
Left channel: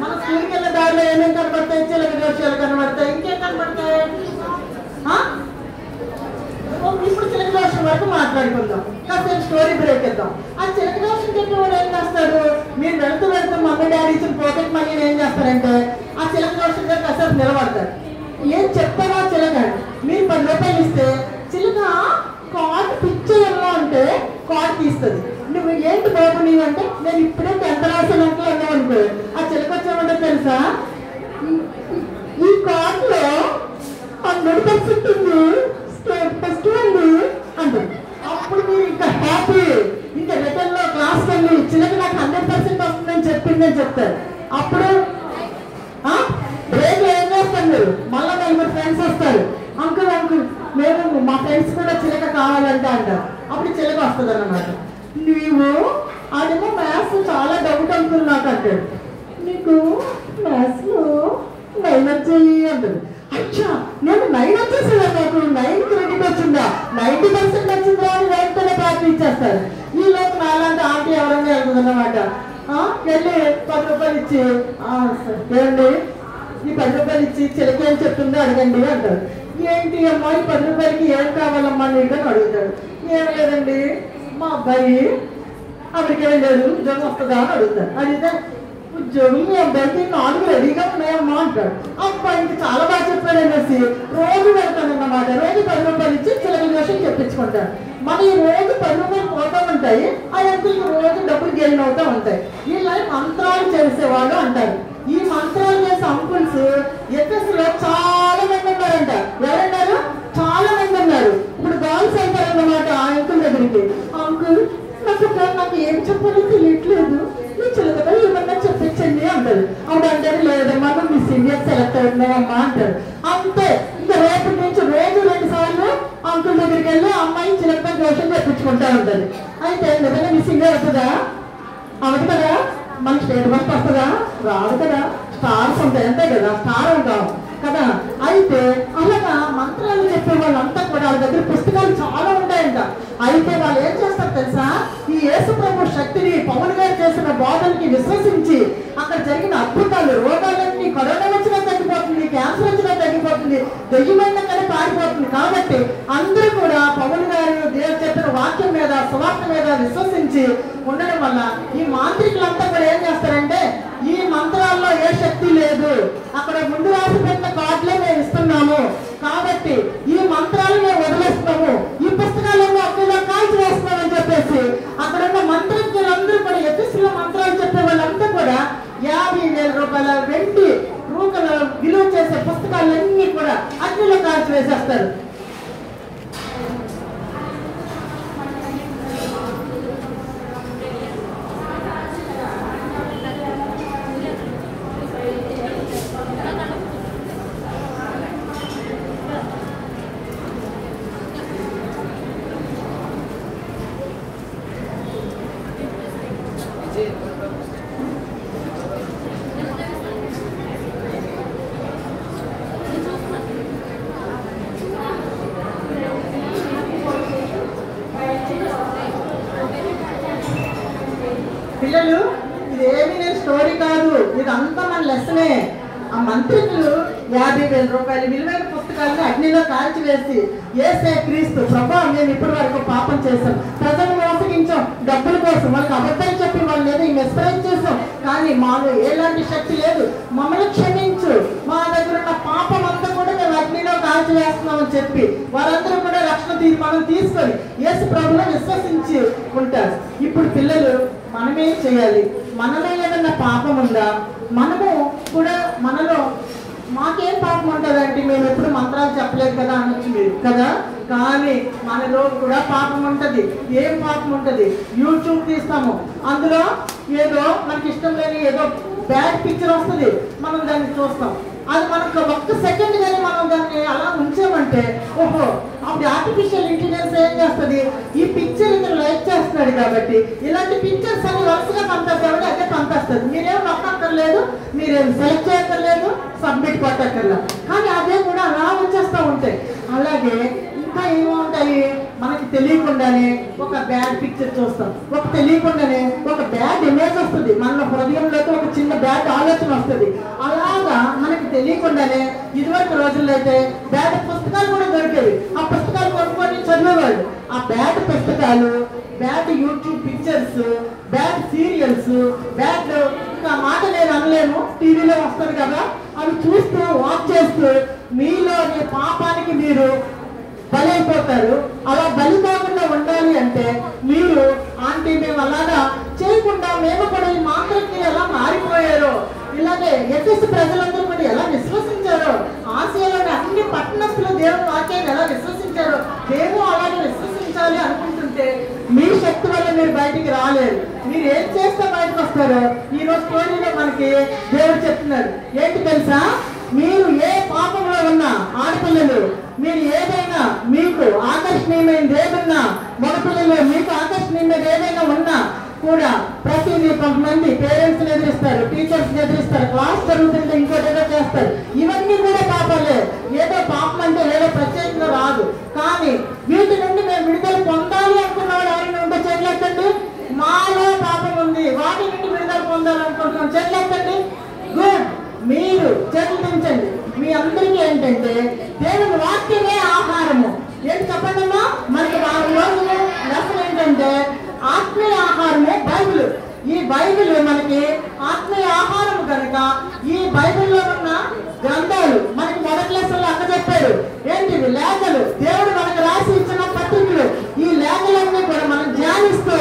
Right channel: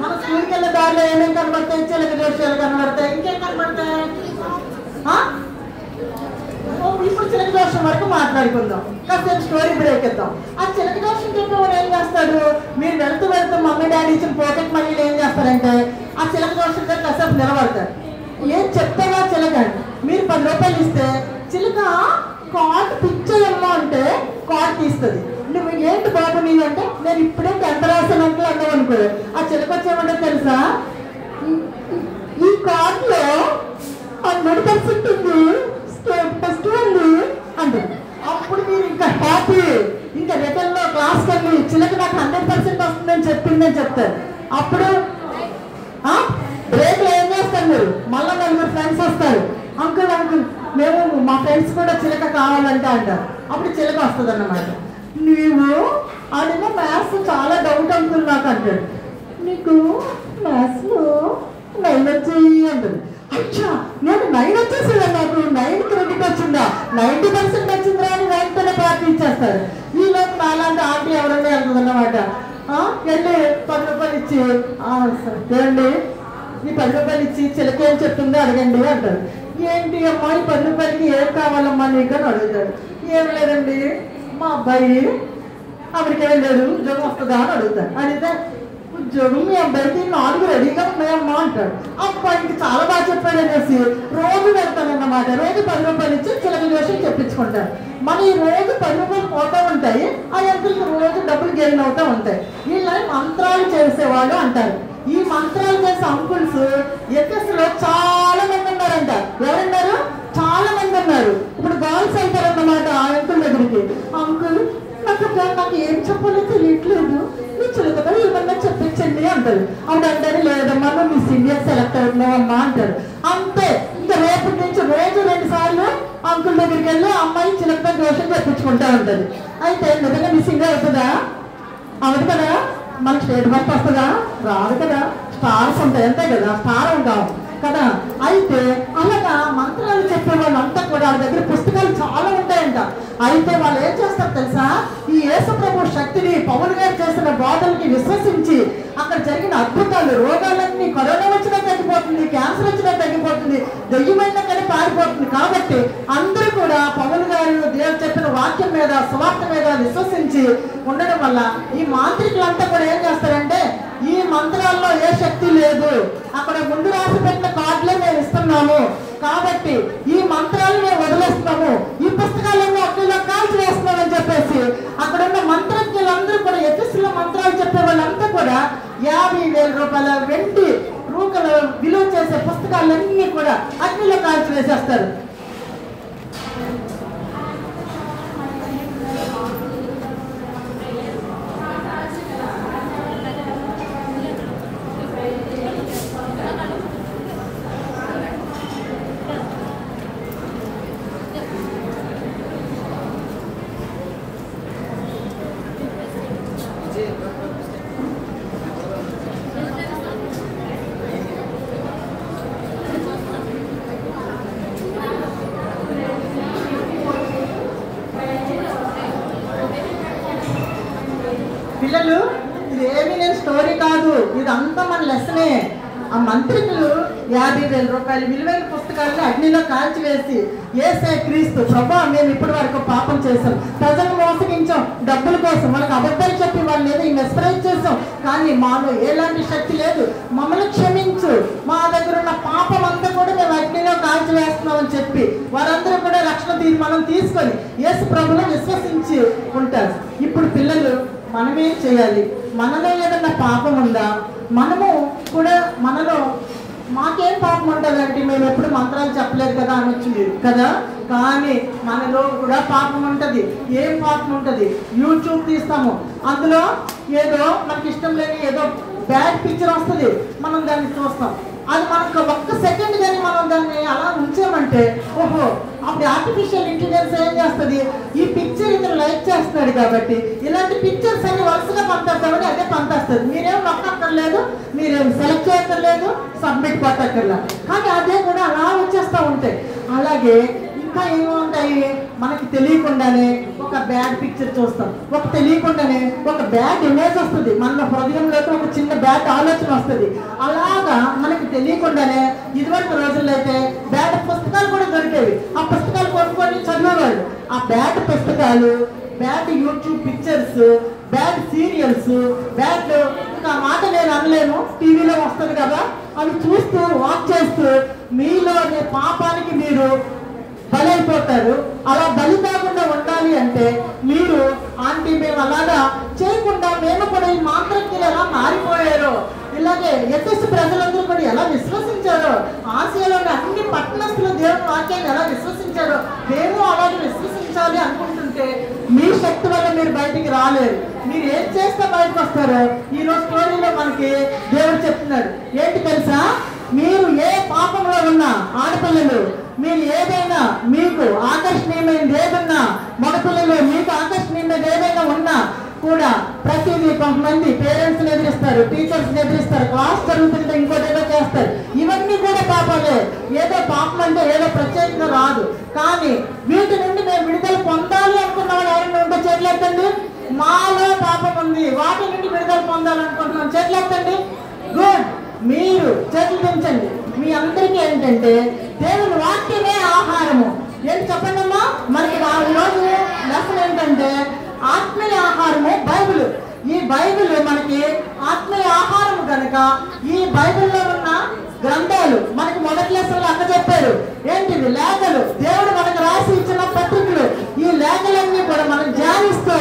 మన స్కూల్కి వెళ్ళే దారిలో ఏమేమి కనబడతాయి? చిలక జోషాలు కనబడతాయి, ఇంకేం కనబడతాయి? ఇప్పుడు చిలక దోషం వరకు మాట్లాడుకుందాం, కాసేపు స్టోరీ బ్రేక్ ఇద్దాం. ఆ చిలక దోషం చెప్పేవాడు ఏం చేస్తాడు? మీరు వెళ్తూ మమ్మీ డాడీ ఇచ్చిన పాకెట్ మనీ ఏం చేస్తారంటే ఆ చిలక దోషం దగ్గర కాసేపు నిలబడతారు. ఏం చెప్తావా చిలక? మీరు 10 రూపాయలు ఇస్తే చిలక కార్డు పిచ్చేయమ్మా అంటే కార్డు తీస్తుంది. నువ్వు ఏంటి బాబు నీవు అంటే, నేను ఇప్పుడే 10th రాసానంటే అన్నావనుకో, ఆ చిలక వచ్చేమంటే తెలుసా, ఈ కార్డులో 100% ఉంది, ఫస్ట్ ఉంది అంటారు. అప్పుడు మీరు ఇంకా హ్యాపీ, ఇంకా రిటర్న్ లో క్లాస్ వెళ్ళి చిలక నాకు 100% వస్తుందని చెప్పిందని చెప్తారు. అప్పుడు బ్రేక్ ఏం చేస్తారు మీరు? మళ్ళీ 4 ఫ్రెండ్స్ అంకుల్ అంకుల్ మేము మా ఫ్రెండ్స్ కూడా చిలక కావాలంటే అంటారు. అప్పుడు చిలక వస్తుంది అన్నమాట. నీవు అదేమో మ్యాథ్స్ చాలా డౌట్ అంకుల్ నాకు అంటాడు. నీకు మ్యాథ్స్లో 9 వచ్చాయి అంటాడు. అచ్చా నేను 9 వచ్చేసిందా, నాకు 9 క్రెడిట్ వచ్చిందా, 90% వచ్చిందా అని 9తోనే ప్రార్థించేస్తారు. వీళ్ళకి నాలాంటి ఆంటీ ఎవరైనా వెళ్తుంది అన్నమాట. వెళ్ళి 10 రూపాయలు ఇచ్చి ఏమండి ఈ 10 రూపాయలు ఇచ్చి చిలక ఏం చెప్తుందో అడగండి అంటారు. ఏంటి అమ్మా ఈ 10 రూపాయలకి ఏం కావాలమ్మా నీకు అని అడుగుతాడు. ఏం లేదండి మా అబ్బాయి అక్కడికి ఏం లేదు ఉద్యోగం వస్తుందా అని అడుగుతాడు. అడిగితే ఉద్యోగం మీ అబ్బాయికి 4 రెడీగా ఉన్నాయమ్మా అంటాడు. అబ్బాయికి చాలా బాగా చెప్పాడు అనేసి రోజు పెడతానన్నమాట. రోజు 10 రూపాయలు ఇచ్చి చిలక జోషం చెప్పించుకుంటారు. మన ఈ రోజు 10 రూపాయలు పోతూ ఉంటాయి, ఆ అంకుల్కి రోజు డబ్బులు గెయిన్ అవుతూ ఉంటాయి. వీళ్ళ మంత్రాలు చేసేవాళ్ళు అంటారు. ఈ మంత్రాలు చేసే అంకుల్స్ ఎఫ్ఎస్లో చాలా మంది ఉన్నారంట. ఎవరున్నారు? చాలా మంది ఉన్నారు. ఇప్పుడు గర్ల్స్ వెళ్తారన్నమాట ఆ అంకుల్ దగ్గరికి. అంకుల్ నాకు ఏం చెప్పాలో తెలియట్లేదు, నీ చిలకగా ఏమన్నా చెప్పించండి అంటారు. అప్పుడు అంటారు లేదమ్మా నువ్వు మిస్ ఇండియా సెలెక్ట్ అవుతున్నావమ్మా అంటారు. అంతే ఇంకా రేపటి నుంచి రోజు 2 సార్లు అంకుల్ దగ్గరికి వెళ్ళి అమ్మాయి చిలకగా దోషం చెప్పించుకుంటా ఉంటారు. అయితే నిజంగా మిస్ ఇండియా అవుతుందా? అవును కదా. మన స్టేట్ బస్ వస్తుందా? రాదు కదా. స్టార్స్ ఉంటాయి అంతే కదా, స్టార్ ఉంటాం కదా. అయితే అలాగా మంత్రాలు చెప్పే వాళ్ళంతా కూడా వాళ్ళ దగ్గర పుస్తకాలు చాలా ఉంటాయంట. అయితే వాళ్ళు ఏం చేస్తారు తెలుసా? ఈ యేసు ప్రభు శక్తిని పౌలు గారు చేసిన బోధనకి విశ్వసించి అక్కడ జరిగిన అద్భుతాలు, రోగాలన్నీ కరోనా వచ్చినా తగ్గిపోతుంది, క్యాన్సర్ వచ్చినా తగ్గిపోతుంది, దెయ్యమైన కానీ పారిపోతుంది. కాబట్టి అందరూ కూడా పౌలు గారు దేవుడు చెప్పిన వాక్యం మీద సువార్త మీద విశ్వసించి ఉండడం వల్ల ఈ మాంత్రికులంతా కూడా ఏం చేస్తారంటే ఈ మంత్రాల్లో ఏ శక్తి లేదు, అక్కడ ముందు రాసి పెట్టిన కార్డులే మేము ఇస్తున్నాము కాబట్టి ఈ మంత్రాలు మేము వదిలేస్తాము, ఈ పుస్తకాలను అగ్నిలో కాల్చి వేస్తున్నామని చెప్పేసి అక్కడ ఉన్న మంత్రజ్ఞులందరూ కూడా ఎఫెసులో మంత్రాలు చెప్పే వాళ్ళంతా కూడా 50,000 రూపాయల వెండి రూపాయల విలువ చేసే పుస్తకాలన్నీ కూడా అగ్నిలో కాల్చి వేసేస్తారు. పిల్లలు ఇదేమి నేను స్టోరీ కాదు, ఇదంతా మన లెసనే. ఆ మంత్రికులు 50,000 రూపాయలు విలువైన పుస్తకాలను అగ్నిలో కాల్చివేసి యేసే క్రీస్తు ప్రభా మేము ఇప్పటి వరకు పాపం చేశాం, ప్రజలు మోసగించాం, డబ్బుల కోసం వాళ్ళకి అబద్ధాలు చెప్పి వాళ్ళని ఏదో మెస్ప్రైజ్ చేసాం, కానీ మాలో ఎలాంటి శక్తి లేదు, మమ్మల్ని క్షమించు, మా దగ్గర ఉన్న పాపం అంతా కూడా మేము అగ్నిలో కాల్చివేస్తున్నామని చెప్పి వారందరూ కూడా రక్షణ తీర్మానం తీసుకొని యేసు ప్రభువును విశ్వసించి ఉంటారు. ఇప్పుడు పిల్లలు మనమేం చేయాలి? మనలో ఏదన్నా పాపం ఉందా? మనము కూడా మనలో మాకేం పాపం ఉంటుందంటే మేము ఎప్పుడు మంత్రాలు చెప్పలేదు కదా అనొచ్చింది కదా, కానీ మనలో కూడా పాపం ఉంటుంది. ఏం పాపం ఉంటుంది? యూట్యూబ్ తీస్తాము, అందులో ఏదో మనకి ఇష్టం లేని ఏదో బ్యాడ్ పిక్చర్ వస్తుంది, మనం దాన్ని చూస్తాం. అది మనకు 1 సెకండ్ కానీ మనం దాన్ని అలా ఉంచామంటే ఓహో అప్పుడు ఆర్టిఫిషియల్ ఇంటెలిజెన్స్ ఏం చేస్తుంది? ఈ పిక్చర్ ఇతను లైక్ చేస్తున్నాడు కాబట్టి ఇలాంటి పిక్చర్స్ అన్ని వరుసగా పంపేస్తామని అదే పంపేస్తుంది. మీరేం నొక్కక్కర్లేదు, మీరేం సెలెక్ట్ చేయక్కర్లేదు, సబ్మిట్ కొట్టక్కర్లేదు, కానీ అదే కూడా అలా వచ్చేస్తూ ఉంటాయి. అలాగే ఇంకా ఏముంటాయి? మనకి తెలియకుండానే ఒక బ్యాడ్ పిక్చర్ చూస్తాం, ఒక తెలియకుండానే ఒక బ్యాడ్ ఇమేజ్ వస్తుంది, మన హృదయంలోకి ఒక చిన్న బ్యాడ్ ఆలోచన వస్తుంది. అలాగా మనకి తెలియకుండానే ఇదివరకు రోజుల్లో అయితే బ్యాడ్ పుస్తకాలు కూడా దొరికేవి. ఆ పుస్తకాలు కొనుక్కొని చదివేవాళ్ళు. ఆ బ్యాడ్ పుస్తకాలు, bad YouTube pictures, bad serials, bad ఇంకా మాట నేను అనలేను, టీవీలో వస్తుంది కదా, అవి చూస్తూ వాచ్ చేస్తూ మీలో మీ పాపానికి మీరు బలైపోతారు. అలా బలి కాకుండా ఉండాలి అంటే మీరు ఆంటీ మేము అలాగా చేయకుండా మేము కూడా ఈ మాంత్రికులు ఎలా మారిపోయారో, ఇలాగే ఎఫెసు ప్రజలందరూ కూడా ఎలా విశ్వసించారో, ఆసియాలోని అన్ని పట్టణస్తులు దేవుని వాక్యాన్ని ఎలా విశ్వసించారో మేము అలాగే విశ్వసించాలి అనుకుంటుంటే మీ శక్తి వల్ల మీరు బయటికి రాలేరు. మీరు ఏం చేస్తే బయటకు వస్తారో ఈరోజు స్టోరీలో మనకి దేవుడు చెప్తున్నాడు. ఏంటి తెలుసా? మీరు ఏ పాపంలో ఉన్నా ఆడపిల్లలు మీరు ఏదైనా మీకు ఆకర్షణీయమైనది ఏదన్నా మగపిల్లలు మీకు ఆకర్షణీయమైనది ఏదైనా ఉన్నా కూడా ప్రతిదీ కొంతమంది పేరెంట్స్ ఎదిరిస్తారు, టీచర్స్ ఎదిరిస్తారు, క్లాస్ జరుగుతుంటే ఇంకోటి ఏదో చేస్తారు. ఇవన్నీ కూడా పాపాలే. ఏదో పాపం అంటే ఏదో ప్రత్యేకంగా రాదు. కానీ వీటి నుండి మేము విడుదల పొందాలి అనుకున్న వాళ్ళు ఆయన ఉంటే చెట్లెత్తండి. మాలో పాపం ఉంది, వాటి నుండి విడుదల పొందాలనుకుంటున్నాం, చెట్లెత్తండి. గుడ్. మీరు చెట్లు పెంచండి. మీ అందరికీ ఏంటంటే దేవుని వాక్యమే ఆహారము. ఏంటి చెప్పండి అమ్మా? మనకి ఆ రోజు లెసన్ ఏంటంటే ఆత్మీయ ఆహారము బైబిల్. ఈ బైబిల్ మనకి ఆత్మీయ ఆహారం కనుక ఈ బైబిల్లో ఉన్న గ్రంథాలు మనకి మొదటి లెసన్లో అక్క చెప్పాడు. ఏంటిది? లేఖలు. దేవుడు మనకు రాసి ఇచ్చిన పత్రికలు. ఈ లేఖలన్నీ కూడా మనం ధ్యానిస్తూ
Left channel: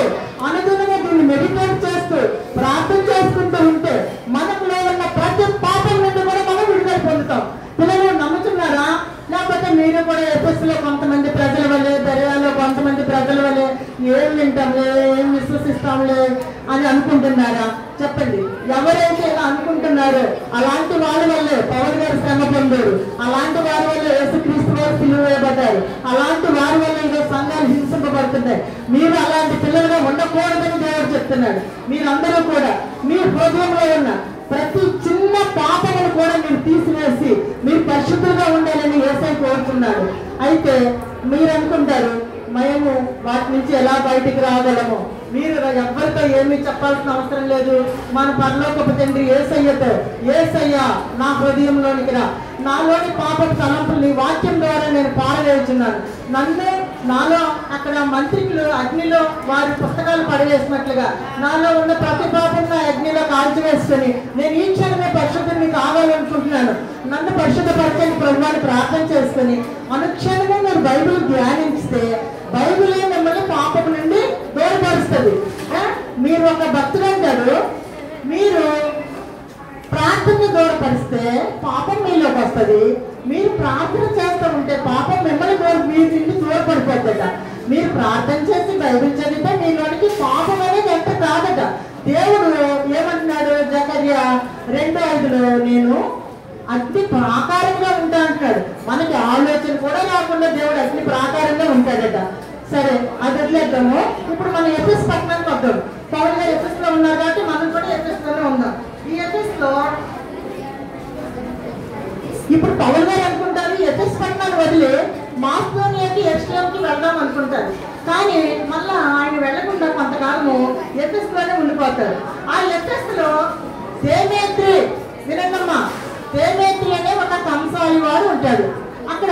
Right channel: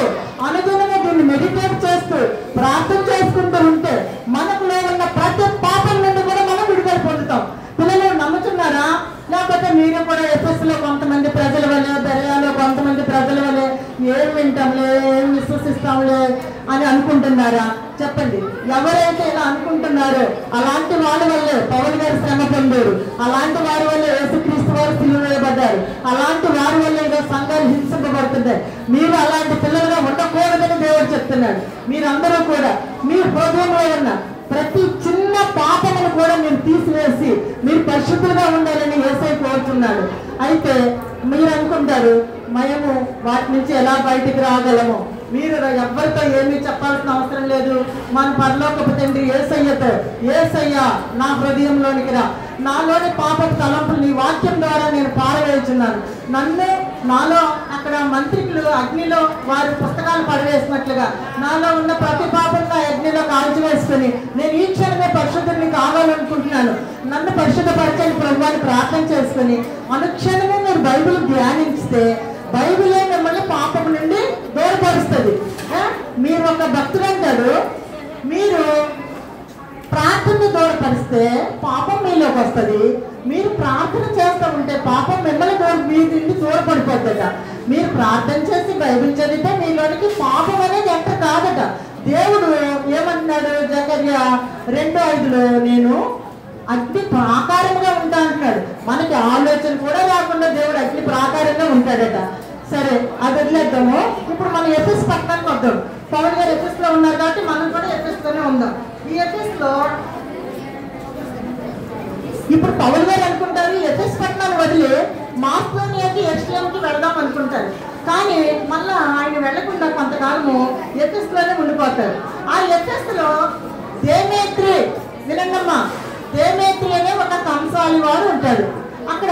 అనుగుణంగా దీన్ని మెడిటేట్ చేస్తూ ప్రార్థన చేసుకుంటూ ఉంటే మనకులో ఉన్న ప్రతి పాపం నుండి కూడా మనం విడుదల పొందుతాం. పిల్లలు నమ్ముతున్నారా? లేకపోతే మీరు కూడా ఎఫ్ఎస్లో కొంతమంది ప్రజల వల్లే, దర్యాలో కొంతమంది ప్రజల వల్లే ఏం వింటాంలే, ఏం విశ్వసిస్తాంలే అని అనుకుంటున్నారా? చెప్పండి. ఎవరైతే ఇలా అనుకుంటున్నారో అలాంటి వారి వల్లే పౌలు గారు శ్రమ పొందారు. అలాంటి వారి వల్ల యేసుక్రీస్తు వారు సిలువ వేయబడ్డారు. అలాంటి వారి వల్ల ఏదో సంఘాలు హింసింపబడుతున్నాయి. మీరు అలాంటి పిల్లలుగా ఉండకూడదని దేవుడు చెప్తున్నాడు. మీరందరూ కూడా మీ హృదయంలో ఉన్న ప్రతి చిన్న పాపమును కూడా మీరు తీసివేసి మీరు పరిశుద్ధులుగా ఉండాలని యేసయ్య కోరుతున్నాడు. అయితే మీరు అనుకుంటారు మేము వాటి నుంచి ఎలా బయటికి రాగలము? మీరు ఎవరితో ఏమీ చెప్పాల్సిన అవసరం లేదు. మన పరలోకపు తండ్రి యేసయ్యతో, యేసయ్య నా హృదయంలోనికి రా, నాలోని పాపపు తలంపులు నీ వాక్యం ద్వారా నేను పారవేస్తున్నాను. నన్ను నాలో అక్కడ మంత్రికులు అగ్నిలో వారి పుస్తకాలు పడవేసినట్లుగా నాలో ఉన్న ప్రతి పాపంగా అగ్నిలో కాల్చివేసుకుని నేను ఈ క్షణమే పరిశుద్ధుని కావాలనుకుంటున్నాను. నన్ను పరిశుద్ధపరచని ప్రభువాన్ని ప్రార్థన చేసుకుని అనుక్షణమే మీరు బైబిల్ ధ్యానిస్తే బైబిలే మిమ్మల్ని పాపం నుండి దూరపరుస్తుంది. మీరు ఒక భక్తుడు అంటారు, మీరు ప్రార్థన దూరపరిస్తే పాపం మీలోకి వస్తుంది. మీరు ప్రార్థన చేస్తూ ఉంటే పాపం మిమ్మల్ని మీ నుండి దూరపడిపోద్దట. మీరు ప్రార్థన చేసి బైబిల్ చదివితే మీలోనికి పాపం అనేది ఎంత కాదట. దేవుడు ఏమంటున్నాడు? జకర్యా 2:5 నేను అగ్ని ప్రాకారంగా ఉంటా అంటాడు. మనకి ఆలోచన కూడా రాకుండా దేవుడు అగ్ని ప్రాకారంగా ఉంటాడట. సరే, అది వదిలేద్దాము. ఇప్పుడు మనం ఎఫెస్ పట్టణానికి వద్దాం. పౌలు గారు ఎఫెస్ లో ఉన్నారు కాబట్టి మనం కూడా ఎఫెస్ లోనే ఉందాం. ఈ ఎఫెస్ లో ఇప్పుడు పౌలు గారు అనుకుంటారు ఎఫెస్ పట్టణాన్ని వదిలి మాస్లోనియాకి ఎరుషలేముకి వెళ్దాం అనుకుంటారు. కానీ మళ్ళా ఆయన వెళ్లకుండా కొంతకాలము ఎఫెస్ లోనే ఉండిపోతారు. ఆ ఎఫెస్ లో దేమేత్రి, వినండమ్మా, దేమేత్రి అనే ఒక కంసాలి వాడు ఉంటాడు. అక్కడ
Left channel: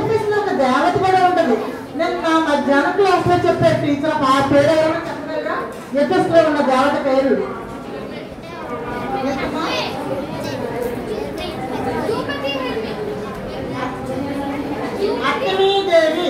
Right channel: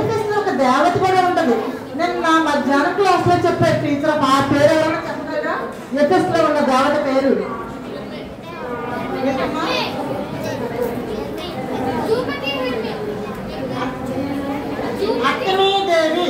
ఎఫెస్ లో ఒక దేవత కూడా ఉంటుంది. నేను నా మధ్యాహ్నం క్లాస్ లో చెప్పే టీచర్ ఆ పేరు ఎవరైనా చెప్పగలరా? ఎఫెస్ లో ఉన్న దేవత పేరు అర్తెమీదేవి.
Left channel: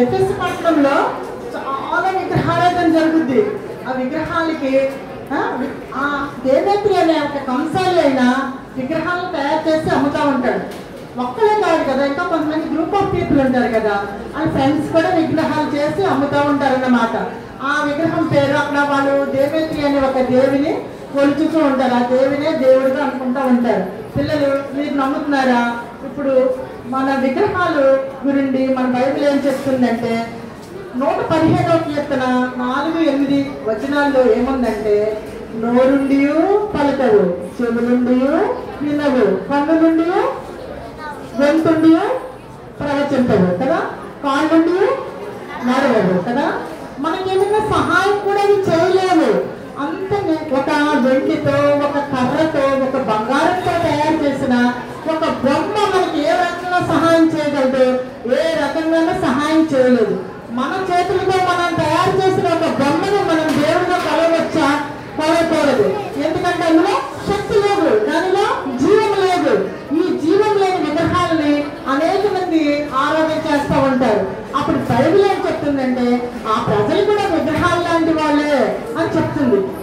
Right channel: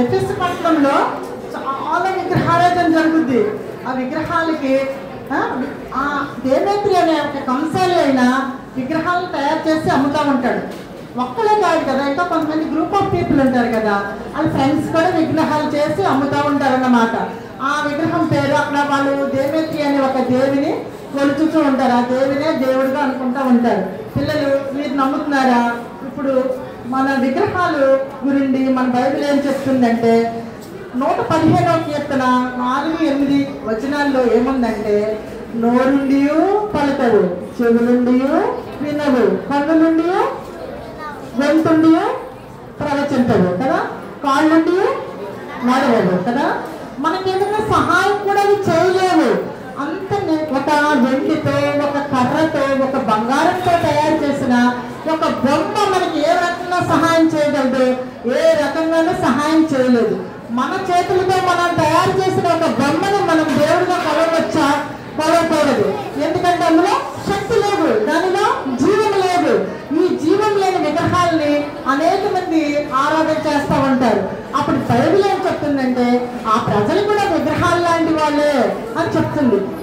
ఎఫెసు పట్టణంలో చాలా విగ్రహారాధన జరుగుద్ది. ఆ విగ్రహాలకి ఆ దేవేత్రి అనే ఒక కంసాలి అయిన విగ్రహాలను తయారు చేసి అమ్ముతా ఉంటాడు. ఒక్కలే కాదు కదా, ఇంకా కొంతమంది గ్రూప్ ఆఫ్ పీపుల్ ఉంటారు కదా, వాళ్ళ ఫ్రెండ్స్ కూడా విగ్రహాలు చేసి అమ్ముతా ఉంటారన్నమాట. ఆ విగ్రహం పేరు అక్కడ వాళ్ళు దేవేత్రి అనే ఒక దేవిని కొలుచుతూ ఉంటారు. ఆ దేవినే దేవుడుగా అనుకుంటూ ఉంటారు. పిల్లలు మీరు నమ్ముతున్నారా? ఇప్పుడు మన విగ్రహాలు గురించి మన బైబిల్ ఏం చెప్తుందంటే 115వ కీర్తన 4-8 వచనాల్లో ఏముందంటే, నోరుండి పలుకవు, చెవులుండి వినవు, కన్నులుండి వెళ్తుండి ప్రవచించవు కదా, కాళ్ళుండి నడవవు కదా. మనకేమైనా సహాయం కూడా ఇది చేయలేవు. అంత ఒక వెండితో, ఒక కర్రతో, ఒక బంగారంతో తయారు చేసిన ఒక బొమ్మ మనకి ఏ రకంగా సహాయం చేయగలదు? ఏ రకంగానూ సహాయం చేయలేదు. మన చేతులతో మనం తయారు చేసిన ఒక బొమ్మను మనం దేవుడిగా కొలవచ్చా? కొలవకూడదు. ఎందుకంటే అందులో శక్తి లేవు.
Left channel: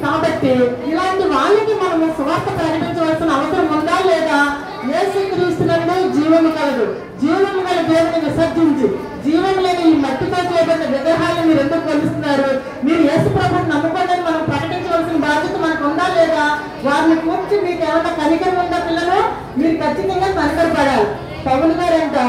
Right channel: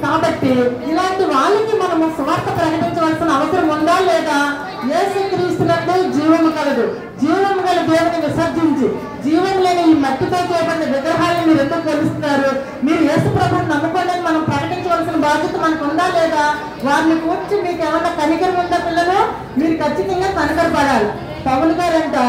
కాబట్టి ఇలాంటి వాళ్ళకి మనము సువార్త ప్రకటించవలసిన అవసరం ఉందా లేదా? యేసుక్రీస్తునందు జీవము కలదు, జీవము గల దేవుని విసర్జించి జీవం లేని ఈ మట్టితో చేయబడిన విగ్రహాలను మీరు ఎందుకు కొలుస్తున్నారు? మీరు యేసు ప్రభువుని నమ్ముకోండి మనం ప్రకటించవలసిన బాధ్యత మనకు ఉందా లేదా? వారిని కూర్చి మీకు ఏమన్నా కనికరం ఉందా పిల్లలు? మీరు ఖచ్చితంగా కనికరపడాలి. పౌలు గారంట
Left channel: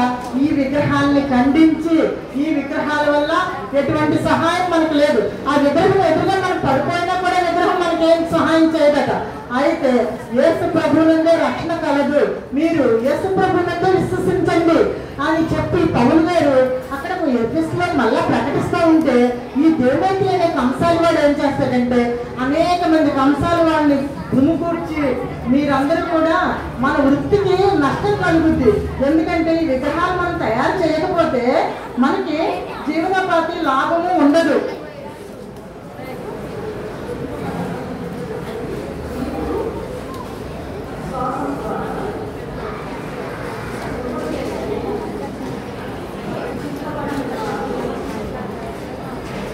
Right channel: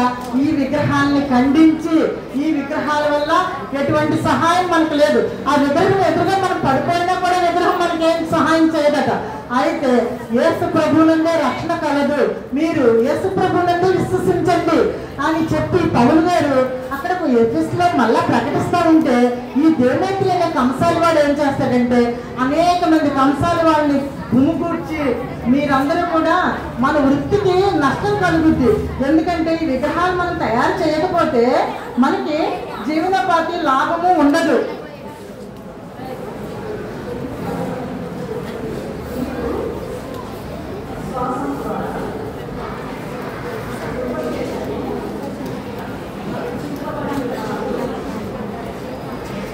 ఈ విగ్రహాన్ని ఖండించి, ఈ విగ్రహాల వల్ల ఎటువంటి సహాయం మనకు లేదు, ఆ విగ్రహం ఎదురుగా మనం పడిపోయినా కూడా విగ్రహం మనకి ఏం సహాయం చేయదట. అయితే యేసు ప్రభువునందే రక్షణ కలదు, మీరు యేసు ప్రభువునందే విశ్వసించండి అని చెప్పి పౌలు గారు అక్కడ ఎఫెసులో మళ్ళా ప్రకటిస్తూ ఉంటే ఈ దేవేంద్ర అనే కంసాలి వాడు ఏం చేస్తాడంటే అనేక మంది కంసాలి వాళ్ళని గుమికూర్చి మీరందరూ కూడా మన వృత్తికి నష్టం కలుగుద్ది, ఎందుకంటే ఈ విగ్రహాలు మనం తయారు చేయకపోతే మనకి జీవనోపాధి లాభము ఉండదు.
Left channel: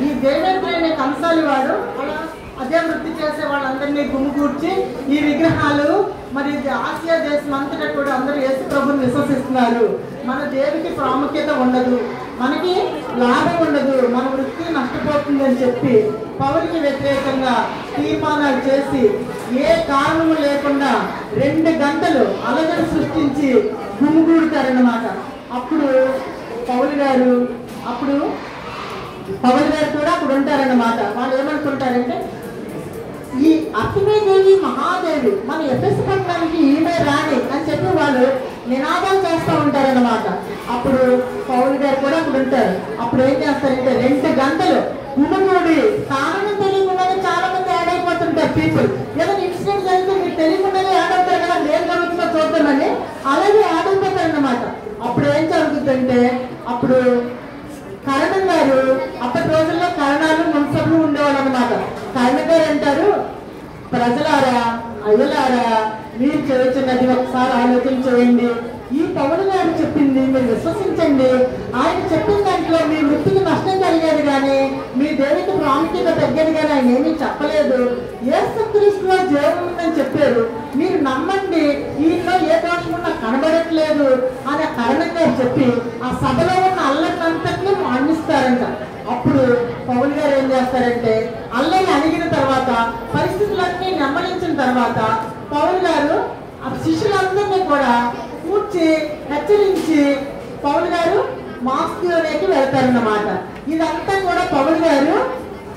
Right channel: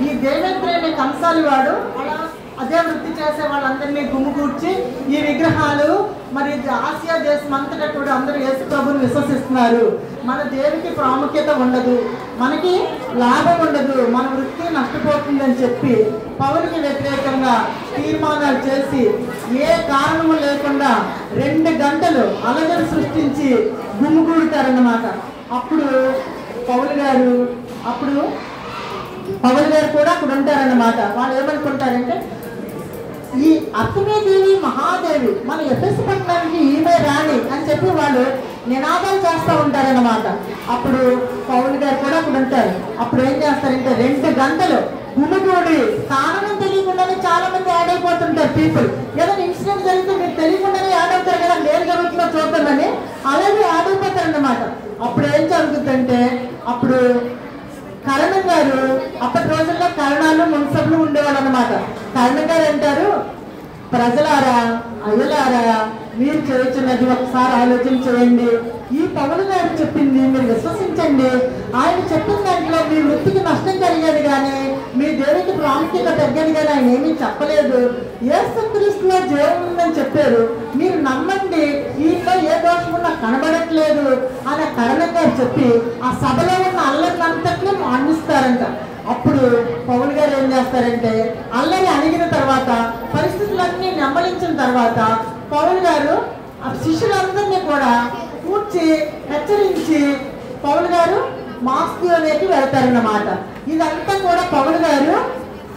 ఈ దేవేంద్ర అనే కంసాలి వాడు అలా అదే వృత్తి చేసే వాళ్ళందరినీ గుమికూర్చి ఈ విగ్రహాలు మరి ఆసియా దేశం అంతటా కూడా అందరూ యేసు ప్రభువుని విశ్వసిస్తున్నారు, మన దేవుడికి ప్రాముఖ్యత ఉండదు, మనకి లాభం ఉండదు, మన వృత్తి నష్టపోతుందని చెప్పి పౌలుకి వ్యతిరేకంగా తీర్మానాలు చేసి ఏ కారణము లేకుండా 2 గంటలు అలజడి సృష్టించి గుమిగూడతారన్నమాట. అప్పుడు పౌలు గారు కూడా అక్కడ ఉంటారన్నమాట. వాళ్ళు ఏమనుకుంటారంటే ఈ అర్తిమీదేవి మహాదేవి మన ఎఫెసు పట్టణానికి ఈమె రాణి అని చెప్పి వాళ్ళు నినాదాలు చేస్తూ ఉంటారన్నమాట. అప్పుడు పౌలు గారు కూడా అక్కడ ఉంటారు. అప్పుడు ఏం చేస్తారంటే 2 గంటలు గుమిగూడి కారణం తెలియకుండానే చాలా మంది యాడ్ అయిపోతుంటారు పీపుల్. ఏదైనా ఇన్సిడెంట్ జరిగితే మీరు తెలియకుండానే యాడ్ అవుతారు కదా, నేను గమనించిన చూద్దామని అలాగే యాడ్ అయిపోతారన్నమాట. అప్పుడు ఏం జరుగుతుందంటే అప్పుడు కరణం గారు, అప్పటి రోజుల్లో కరణాలు మున్సబ్లు ఉండేవాళ్ళు అనమాట. కరణం గారు అంటారు, ప్రజలారా అయ్యలారా మీరు చేస్తున్నది ఒకసారి ఆలోచన చేయండి, ఈ పౌలు గారు చెప్పింది మీరు విశ్వసించండి, ఆయన చెప్పిన దాంట్లో మీ వృత్తికి నష్టం కలిగేది కానీ మీ దేవుడికి ప్రాముఖ్యత తగ్గేది కానీ ఆయన ఏమీ చెప్పలేదు, యేసుక్రీస్తులో జీవం ఉందని చెప్పారు, మీరు నమ్మండి, ఈయనలో ఏ దోషము నాకు కనబడట్లేదు అని కరణం గారు చెప్పి ఆ సభలో ఉన్న అల్లరినంతటినీ మాన్పిస్తారంట. అప్పుడు పౌలు గారు ఏం చేస్తారంటే అల్లరి అడిగిన తర్వాత పరిస్థితులన్నీ నెమ్మలించిన తర్వాత పౌలు గారు ఆ శిష్యులందరినీ కూడా కూర్చి హెచ్చరించి పౌలు గారు మాస్కోలోకి వెళ్తారన్నమాట. ఇదంతా కూడా పౌలు గారు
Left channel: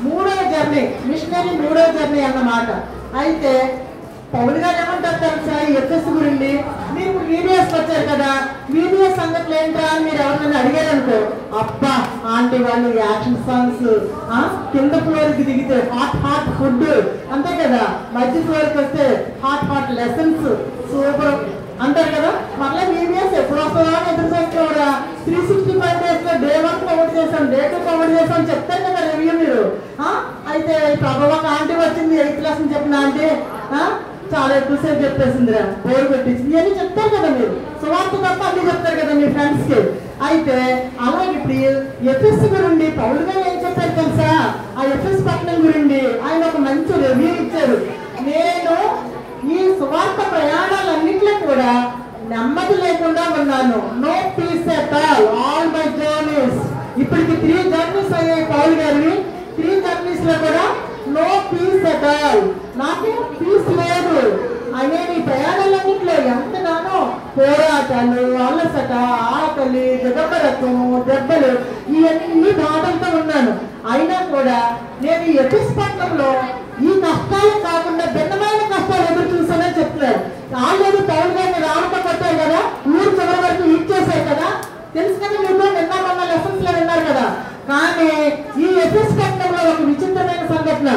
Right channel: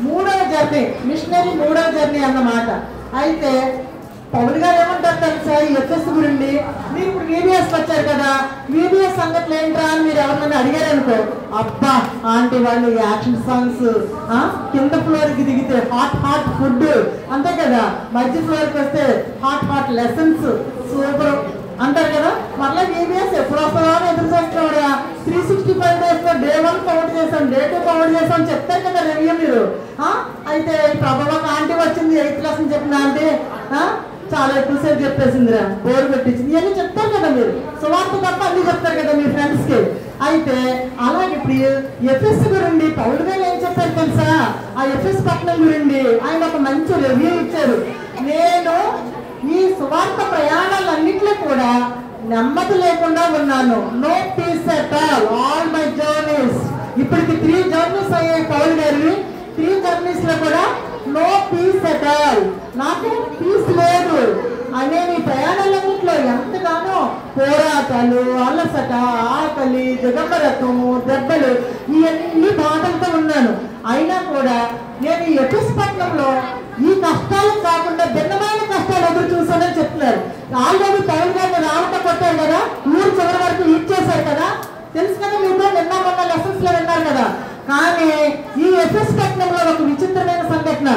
3వ జర్నీ, మిషనరీ 3వ జర్నీ అన్నమాట. అయితే పౌలు గారు ఏమంటారు తెలుసా ఈ ఎఫెసు గురించి? మీరు వీడియోస్ వచ్చారు కదా, వీడియో సంగతులు ఏంట్రా అని మీరు ఎవరినైనా అడిగారు అనుకో, అబ్బా ఆంటీ వాళ్ళు యాక్షన్ సాంగ్స్, కింద ఫ్లోర్కి దిగితే హాట్ ఫుడ్ అంతే కదా, మధ్య ఫ్లోర్కి వస్తే హాట్ లెసన్స్ సూపర్ అంటారు కదా. మళ్ళీ వీడియోస్ ఎప్పుడు వస్తావా అని ఎదురు చూస్తున్నాడా? 365 days లో Day 1 కవర్ చేసాం, Day 2 కవర్ చేసాం చెప్తారు కదా రివ్యూ మీరు. అయితే ప్రభావ ఆంటీ వచ్చింది 8th క్లాస్ చెప్పిన ఆంటీ చాలా ఎక్కువసేపు చెప్పేసిందిరా, బోర్ పెట్టించింది ఇవన్నీ చెప్తారు కదా మీరు. సువార్త తప్ప అన్ని చెప్తారు కదా మీ ఫ్రెండ్స్ కి. అయితే అలాగే ఇప్పుడు ఎఫెసు గురించి పౌలు గారు ఏం చెప్పారు తెలుసా? ఆ ఎఫెసు పట్టణం గురించి ఆయన ఒక మంచి రివ్యూ ఇచ్చారు. నేను ఈ సువార్త ప్రయాణాలన్నింటిలో కూడా నెమ్మది లేకుండా ఉన్నాను, no peace at all my journeys. ఇప్పటికి 3 జర్నీస్ అయ్యాయి పౌలు గారి. 3 జర్నీస్ లో కూడా నో పీస్ అట్ ఆల్, నాకు పీస్ లేదు అనే ఈ ప్రయాణాలన్నింటిలో ఎంతగానో పోరాటాలు, అలసట, ఆకలి, దిగబరకము, దెబ్బలు, ఇవన్నీ బాధలతో ఉన్నాను. అయినా కూడా నేను ఈ ఎఫెసు పట్టణంలో ఈ కష్టాలు కాకుండా భిన్నమైన కష్టాలు ఎదురు చూసానని చెప్తున్నారు. ఆల్రెడీ పౌలు గారిని రావటం కొట్టారు కదా, ఊరు చివరి వరకు ఇచ్చేసారు కదా, తెలుసు కదా మీరు నిన్న లెసన్స్ లో విన్నారు కదా. కానీ ఈ ఎఫెసు పట్టణంలో ఒక విచిత్రమైన సంఘటన.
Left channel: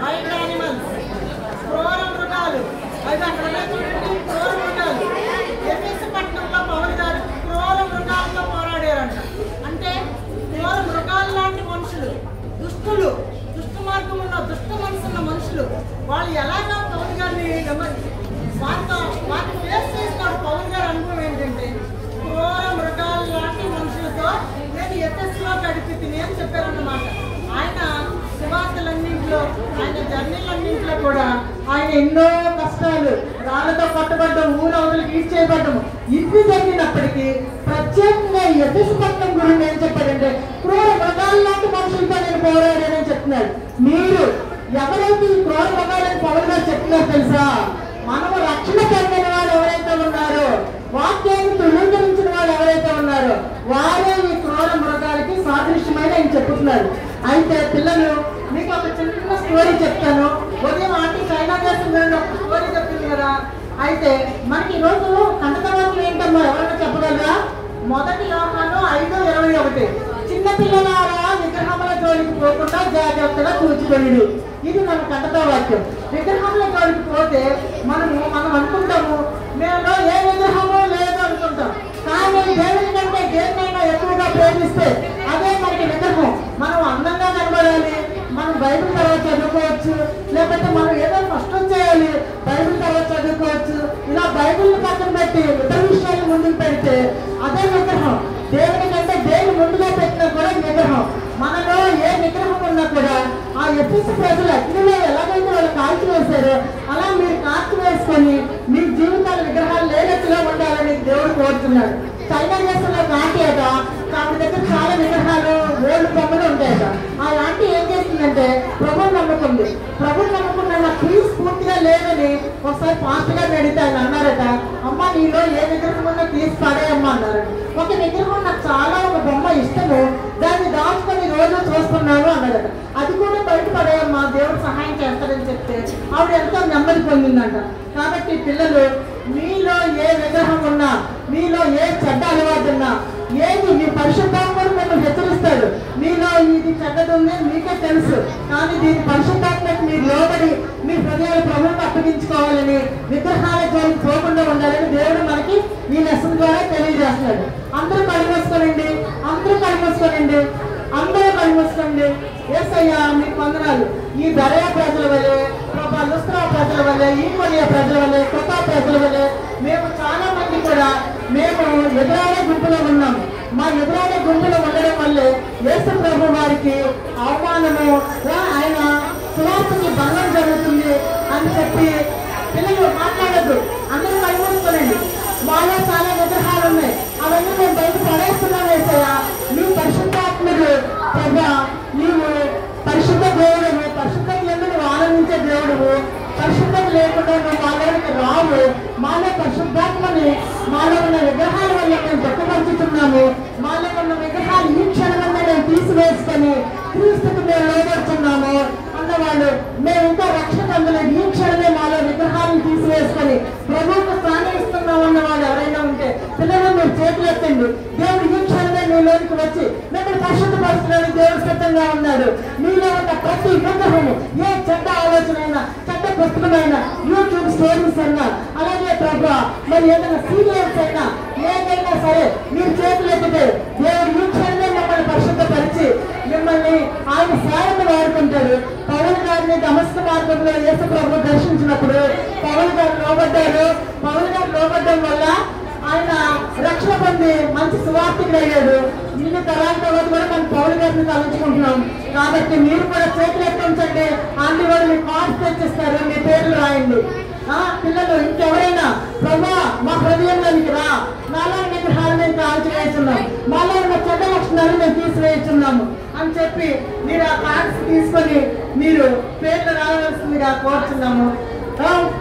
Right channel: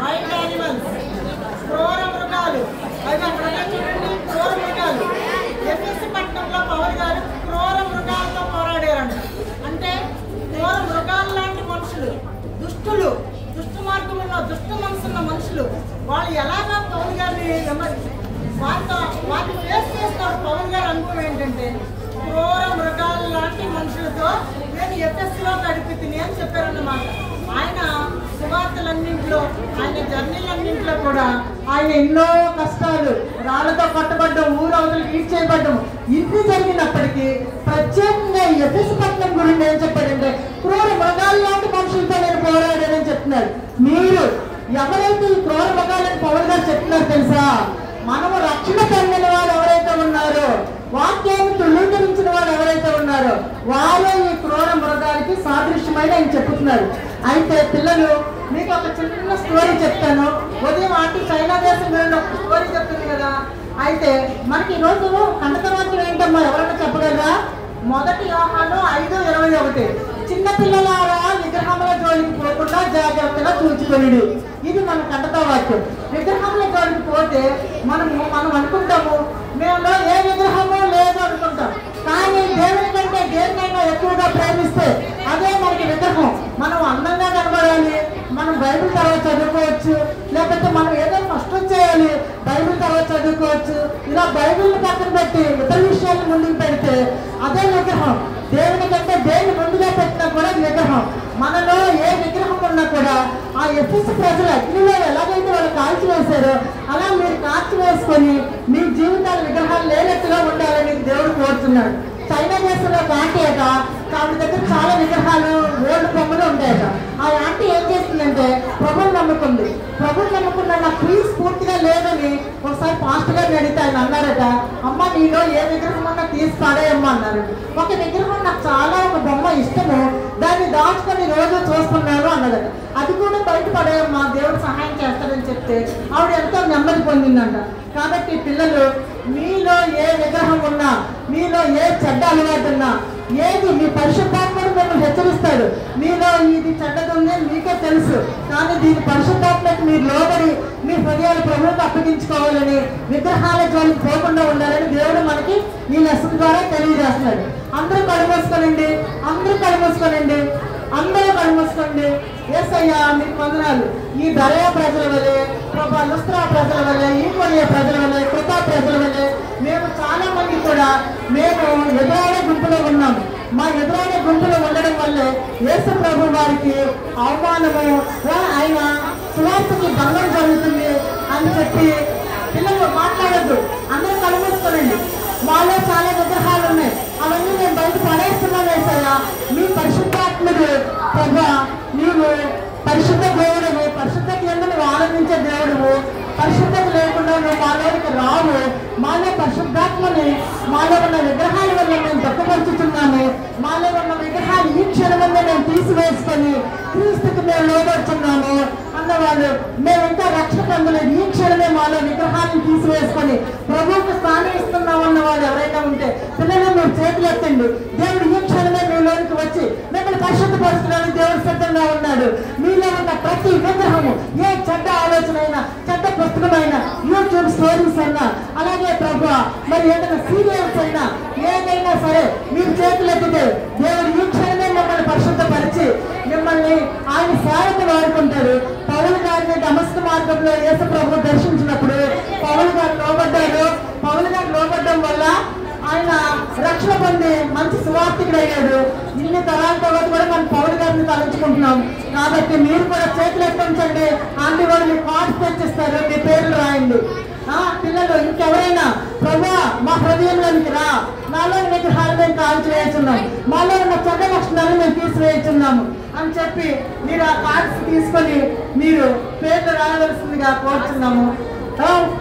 వైల్డ్ యానిమల్స్, క్రూర మృగాలు, అవి అక్కడ చూడండి, క్రూర మృగాలు. ఎఫెసు పట్టణంలో పౌలు గారు క్రూర మృగాలతో పోరాడారంట. అంటే క్రూర మృగాలు లాంటి మనుషులు, దుష్టులు, దుష్ట మార్గంలో దుష్ట మనసున్న మనుషులు, వాళ్ళు ఎలాగా పౌలు గారిని వాటిని ఫేస్ చేస్తారు. పౌలు గారి అనుభవం ఏంటంటే క్రూర మృగాలు లాంటి మనుషులతో నేను ఎఫెసులో గడిపితిని అని చెప్పారన్నమాట. ఆయన సువార్తలన్నింటిలో, ఆయన జర్నీలన్నింటిలో కూడా ఆయన ఎన్నో కష్టాలు, రాళ్లతో పట్టబడ్డం, ఊరు అవతలు కీడ్ చేయబడ్డం, ఇన్ని జరిగినప్పటికీ ప్రత్యేకంగా ఎఫెసు పట్టణం గురించి ఏం చెప్పారంటే క్రూర మృగాలు లాంటి మనుషులతో నేను పోరాడానని చెప్తున్నారు. మీరు ఎవరైతే ఈ క్రూర మృగాలని పౌలు గారు చెప్తున్నారు తెలుసా? మనము రక్షణ పొందిన వారు ఎవరైతే ఉన్నారో, వాక్యాన్ని ధృవీకరించిన వారు ఎవరైతే ఉన్నారో వారే ఈ క్రూర మృగాలకి సాదృశ్యమైన ఆయన చెప్తున్నారు. అయితే పిల్లలు, మీకు ఒక చిన్న స్టోరీ చెప్తాను. ఉదయం ఆంటీ చైనా దేశం గురించి ఒక స్టోరీ చెప్పింది కదా. అయితే మనకి ఈ రోజు కంటకవాక్యం ఏంటమ్మా, ఎవరైనా చెప్పగలరా? మొదటి యోహాను 5:21, చిన్న పిల్లలారా విగ్రహముల జోలికి పోకుండా జాగ్రత్తగా చూచుకొనుడి. ఇది మన కంటక వాక్యం. విగ్రహముల జోలికి పోతే మనం అనుకుంటాము మేము ఏ విగ్రహము లేదు అనుకుంటాం. కానీ దేవుని కంటే దేనికైనా ఎక్కువగా ప్రేమిస్తే అదే మనకి విగ్రహం. మనం అందంగా కనబడాలి, మనం బైబిల్ తర్వాత చదువుకోవచ్చు, లేకపోతే మనం ఏదో కష్టం చేయాలి, బైబిల్ తర్వాత చదువుకోవచ్చు. ఇలా బైబిల్ పక్కన పెట్టి ఇతర విషయాలు ముందుకు పెడితే అదే విగ్రహం. దేవుని కంటే దేని ముందుగా పెట్టినా కూడా విగ్రహం. మనలో ఏ విగ్రహం ఉన్నా కూడా ఆ ఎఫెసు ప్రజలు అగ్నిలో ఎలాగైతే వాళ్ళు కాల్చి వేశారో అలా మీరు కాల్చి వేసుకొని మీ జీవితాల విగ్రహాలు లేనట్టుగా ఉండాలని దేవుడు కోరుతున్నాడు. చైనా దేశంలో ఒక ఆంటీ అట, ఆమె దగ్గర చాలా విగ్రహాలు, ఓల్డ్ బొమ్మలు ఉంటాయట. ఆ ఆంటీ ఏం చేస్తుందంటే ప్రభువు నమ్ముకుంది. ప్రభువు నమ్ముకున్న ప్లీజ్ పూర్తిగా లేదని ఒకసారి పాస్టర్ గారిని అడిగితే ఆయన అన్నారట, అమ్మ నీలో ఏ విగ్రహం ఉన్నా తీసి పడేయమ్మా అన్నారు. ఒక విగ్రహం నాకు చాలా, ఒక బొమ్మ ఇష్టము, దాన్ని దాచుకొని రోజు చూస్తున్నాను అన్నాడు. అది కూడా బయట పడేయమ్మా, దేవుడు సహాయం చేస్తాడని చెప్తే ఆవిడ ఎంతో నెమ్మది పొందిందంట. కాబట్టి పిల్లలు, మీలో ఏ విగ్రహం ఉన్నా, మీలో ఏ చెడ్డ అలవాటు ఉన్నా, ఏది మీ పరిశుద్ధాత్మను మిమ్మల్ని హెచ్చరిస్తాడు. మీలో ఇది చెడ్డది ఉంది మీకే తెలుసు, కానీ దీని పరిశుద్ధాత్మకు మీరు లోబడి మీ హృదయాలు ప్రభువుకు అప్పగించుకోవాలని, విగ్రహాల జోలికి పోకుండా ఉండాలని దేవుడు మనకి ఈ లెసన్ ద్వారా తెలియజేస్తున్నాడు. అందరూ కలుమోసుకోనండి, అందరూ కలుమోసుకోనండి, అందరూ కలుమోసుకోండి. యేసయ్యా మీకు వందనాలు. ఈ బెరయ ప్రజల వలె, ప్రభా లుస్త్రా ప్రజల వలె, ఈ కొరియా ప్రజల వలె, కృతా ప్రజల వలె మేము చాలా మంది కూడా మేము ఎదురాడే గుంపులో ఉన్నాము. మా ఎదురాడే గుంపులో ఉండడం వల్లే యేసు ప్రభు వారికి అవమానము, ఆయన సువార్తకి భంగం జరుగుతుంది అని చెప్పి పిల్లలు మాట్లాడద్దు. అందరూ కలుమోసుకోనండి. మాలో చాలా విగ్రహాలు ఉన్నాయి, అవన్నీ మేము బయట పడేస్తున్నాం. యేసయ్యా నీ పరిశుద్ధాత్మకు ప్రభా, నీవు పరిశుద్ధ దేవుడు, పరిశుద్ధత ఎందుకు ఆనందించే దేవుడు, పరిశుద్ధత లేకుండా నువ్వు మాలోకి రావు. మాలో పరిశుద్ధాత్మని, మాలో ఉన్న విగ్రహాల వల్ల మేము దుఃఖపరుచుతున్నాము. మాలో ఉన్న విగ్రహాలు ఈ క్షణంలో మేము తీసివేసుకొని క్రీస్తుకి మేము లోబడుతున్నాము అన్నవాళ్ళు. మేము ఇంకా రక్షణ పొందలేదు, ఈ క్షణమే మాలో విగ్రహాలను తీసివేసుకొని ప్రభువుకు స్థానం ఇస్తున్నామన్న వాళ్ళు ఎవరైనా ఉంటే పిల్లలు మీరు చేతులు ఎత్తండి. దేవుడు ఈ క్షణమే మీలోనికి వచ్చి మిమ్మల్ని పరిశుద్ధపరుస్తున్నాడు. దేవుడు సిద్ధంగా ఉన్నాడు. మీలో ఉన్న ప్రతి విగ్రహము, ఏ చెడ్డ ఆలోచన అయినా, చెడ్డ పుస్తకమైనా, యూట్యూబ్ స్టోరీస్ అయినా, అలాగే ప్రభు మరి ఏదైనా సీరియల్స్ అయినా, ఏదైనా సరే మీరు చేతులు ఎత్తితే దేవుడు ఈ క్షణమే మిమ్మల్ని పరిశుద్ధపరిచి మిమ్మల్ని ఆయన సేవకు వాడుకుంటాడు. పౌలు గారిని దమస్కు మార్గంలో యేసు ప్రభు దర్శించినప్పుడు పౌలు గారు లోబడ్డారు. పౌలు గారు లోబడ్డం వల్ల ఆయన రక్షణ పొంది మంచి సువార్తికుడు అయ్యాడు. ఇన్ని తరాల తర్వాత కూడా మనం పౌలు గారిని తలంచుకుంటున్నాం. కాబట్టి మీరు కూడా చేతులు ఎత్తించండి. అన్ని కూడా మీ కార్డ్స్ తెచ్చిస్తారు, మీ పేర్లు రాయండి. పిల్లలు ఇంకెవరైనా ప్రభా మా హృదయంలోనికి రా, నాలో విగ్రహాలు మేము కాల్చివేస్తున్నాం, మాలో ఉన్న చెడ్డ లక్షణాలు మేము తీసివేస్తున్నాము అని చెప్పి మీరు ఆ కార్డ్స్ తీసుకొని మీరు పేర్లు రాయవలసిందిగా కోరుతున్నాము.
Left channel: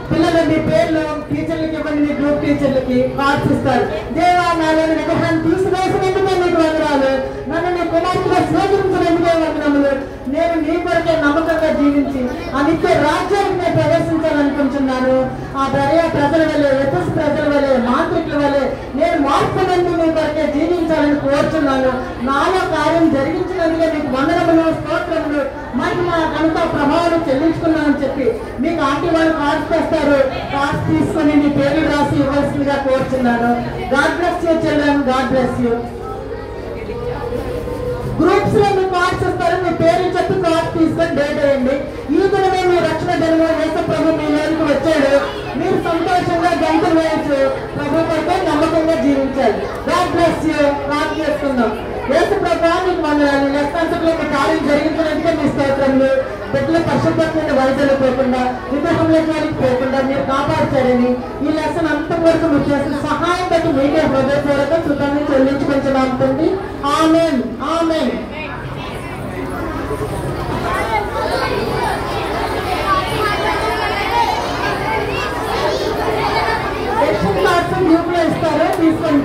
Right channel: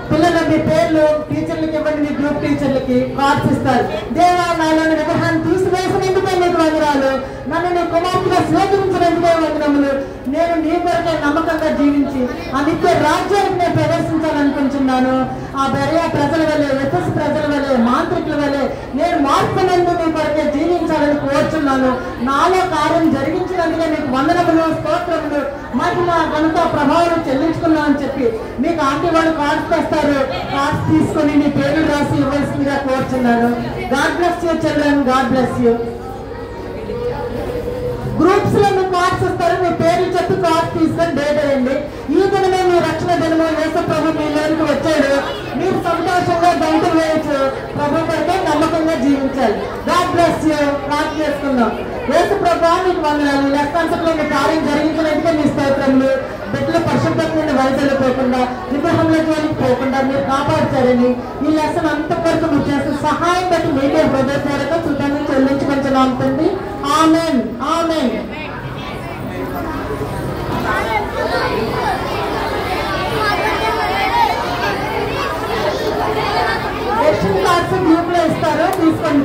పిల్లలు మీ పేర్లు టీచర్లకి ఇవ్వండి, మీ గ్రూప్ టీచర్లకి కార్డ్స్ ఇస్తారు. దేవా నాలోని విగ్రహాన్ని తీసివేసినందుకే నీకు వందనాలు, నన్ను నీ కుమార్తెగా స్వీకరించినందుకే వందనములు. నేను నీ కొరకే నమ్మకంగా జీవించి ఆ నిత్య రాజ్యానికి నేను ప్రవేశించాలనుకుంటున్నాను. ఆ బెరయ ప్రజల వలె, ఎఫెసు ప్రజల వలె, మాంత్రికుల వలె నేను మార్పునందు మీ కొరకే జీవించాలని కోరుచున్నాను. నాలో కార్యం జరిగించినందుకే మీకు వందనములు, స్తోత్రములు, మహిమ, ఘనత, ప్రభావం చెల్లించుకున్నానని చెప్పి మీకు ఆంటీ వాళ్ళు కార్డ్స్ తెస్తారు. కార్డ్స్ తీసుకొని మీ పేరు రాసి ఇవ్వాల్సిందిగా కోరుచున్నాను. God bless you children, God bless you. Groups లో మీ కార్డ్స్ ఇస్తారు, మీ పేరు చెప్పి కార్డ్స్ తీసుకొని డేట్ వేయండి. ఈ దినమే మీ రక్షణ దినము, యేసు ప్రభు మీ లోనికి వచ్చాడు. మీరు సంతోషంగా గంటలు వేయచ్చు, ప్రభు కొరకే నమ్మకంగా జీవించాలి. God bless you. ప్రార్థన చేసుకుందాం. యేసు ప్రభు మీకు వందనాలు. లెక్కాంశంలో మీ కార్యం జరిగించినట్టుగా మీ స్తోత్రములు. బిడ్డల పరిశుభ్రమైన వైద్యులు పోకుండా, విగ్రహంలో జోలికి పోకుండా మీరు కాపాడుతారని ఈ లెసన్ అంత కొరకు మీరు చేసిన సహాయం బట్టి మీడియా హృదయపూర్వక కృతజ్ఞతలు చెల్లించుకుంటున్నాం తండ్రి. ఆమేన్, ఆమేన్. గ్రూప్ లో ఇస్తారు, తీసుకోండి.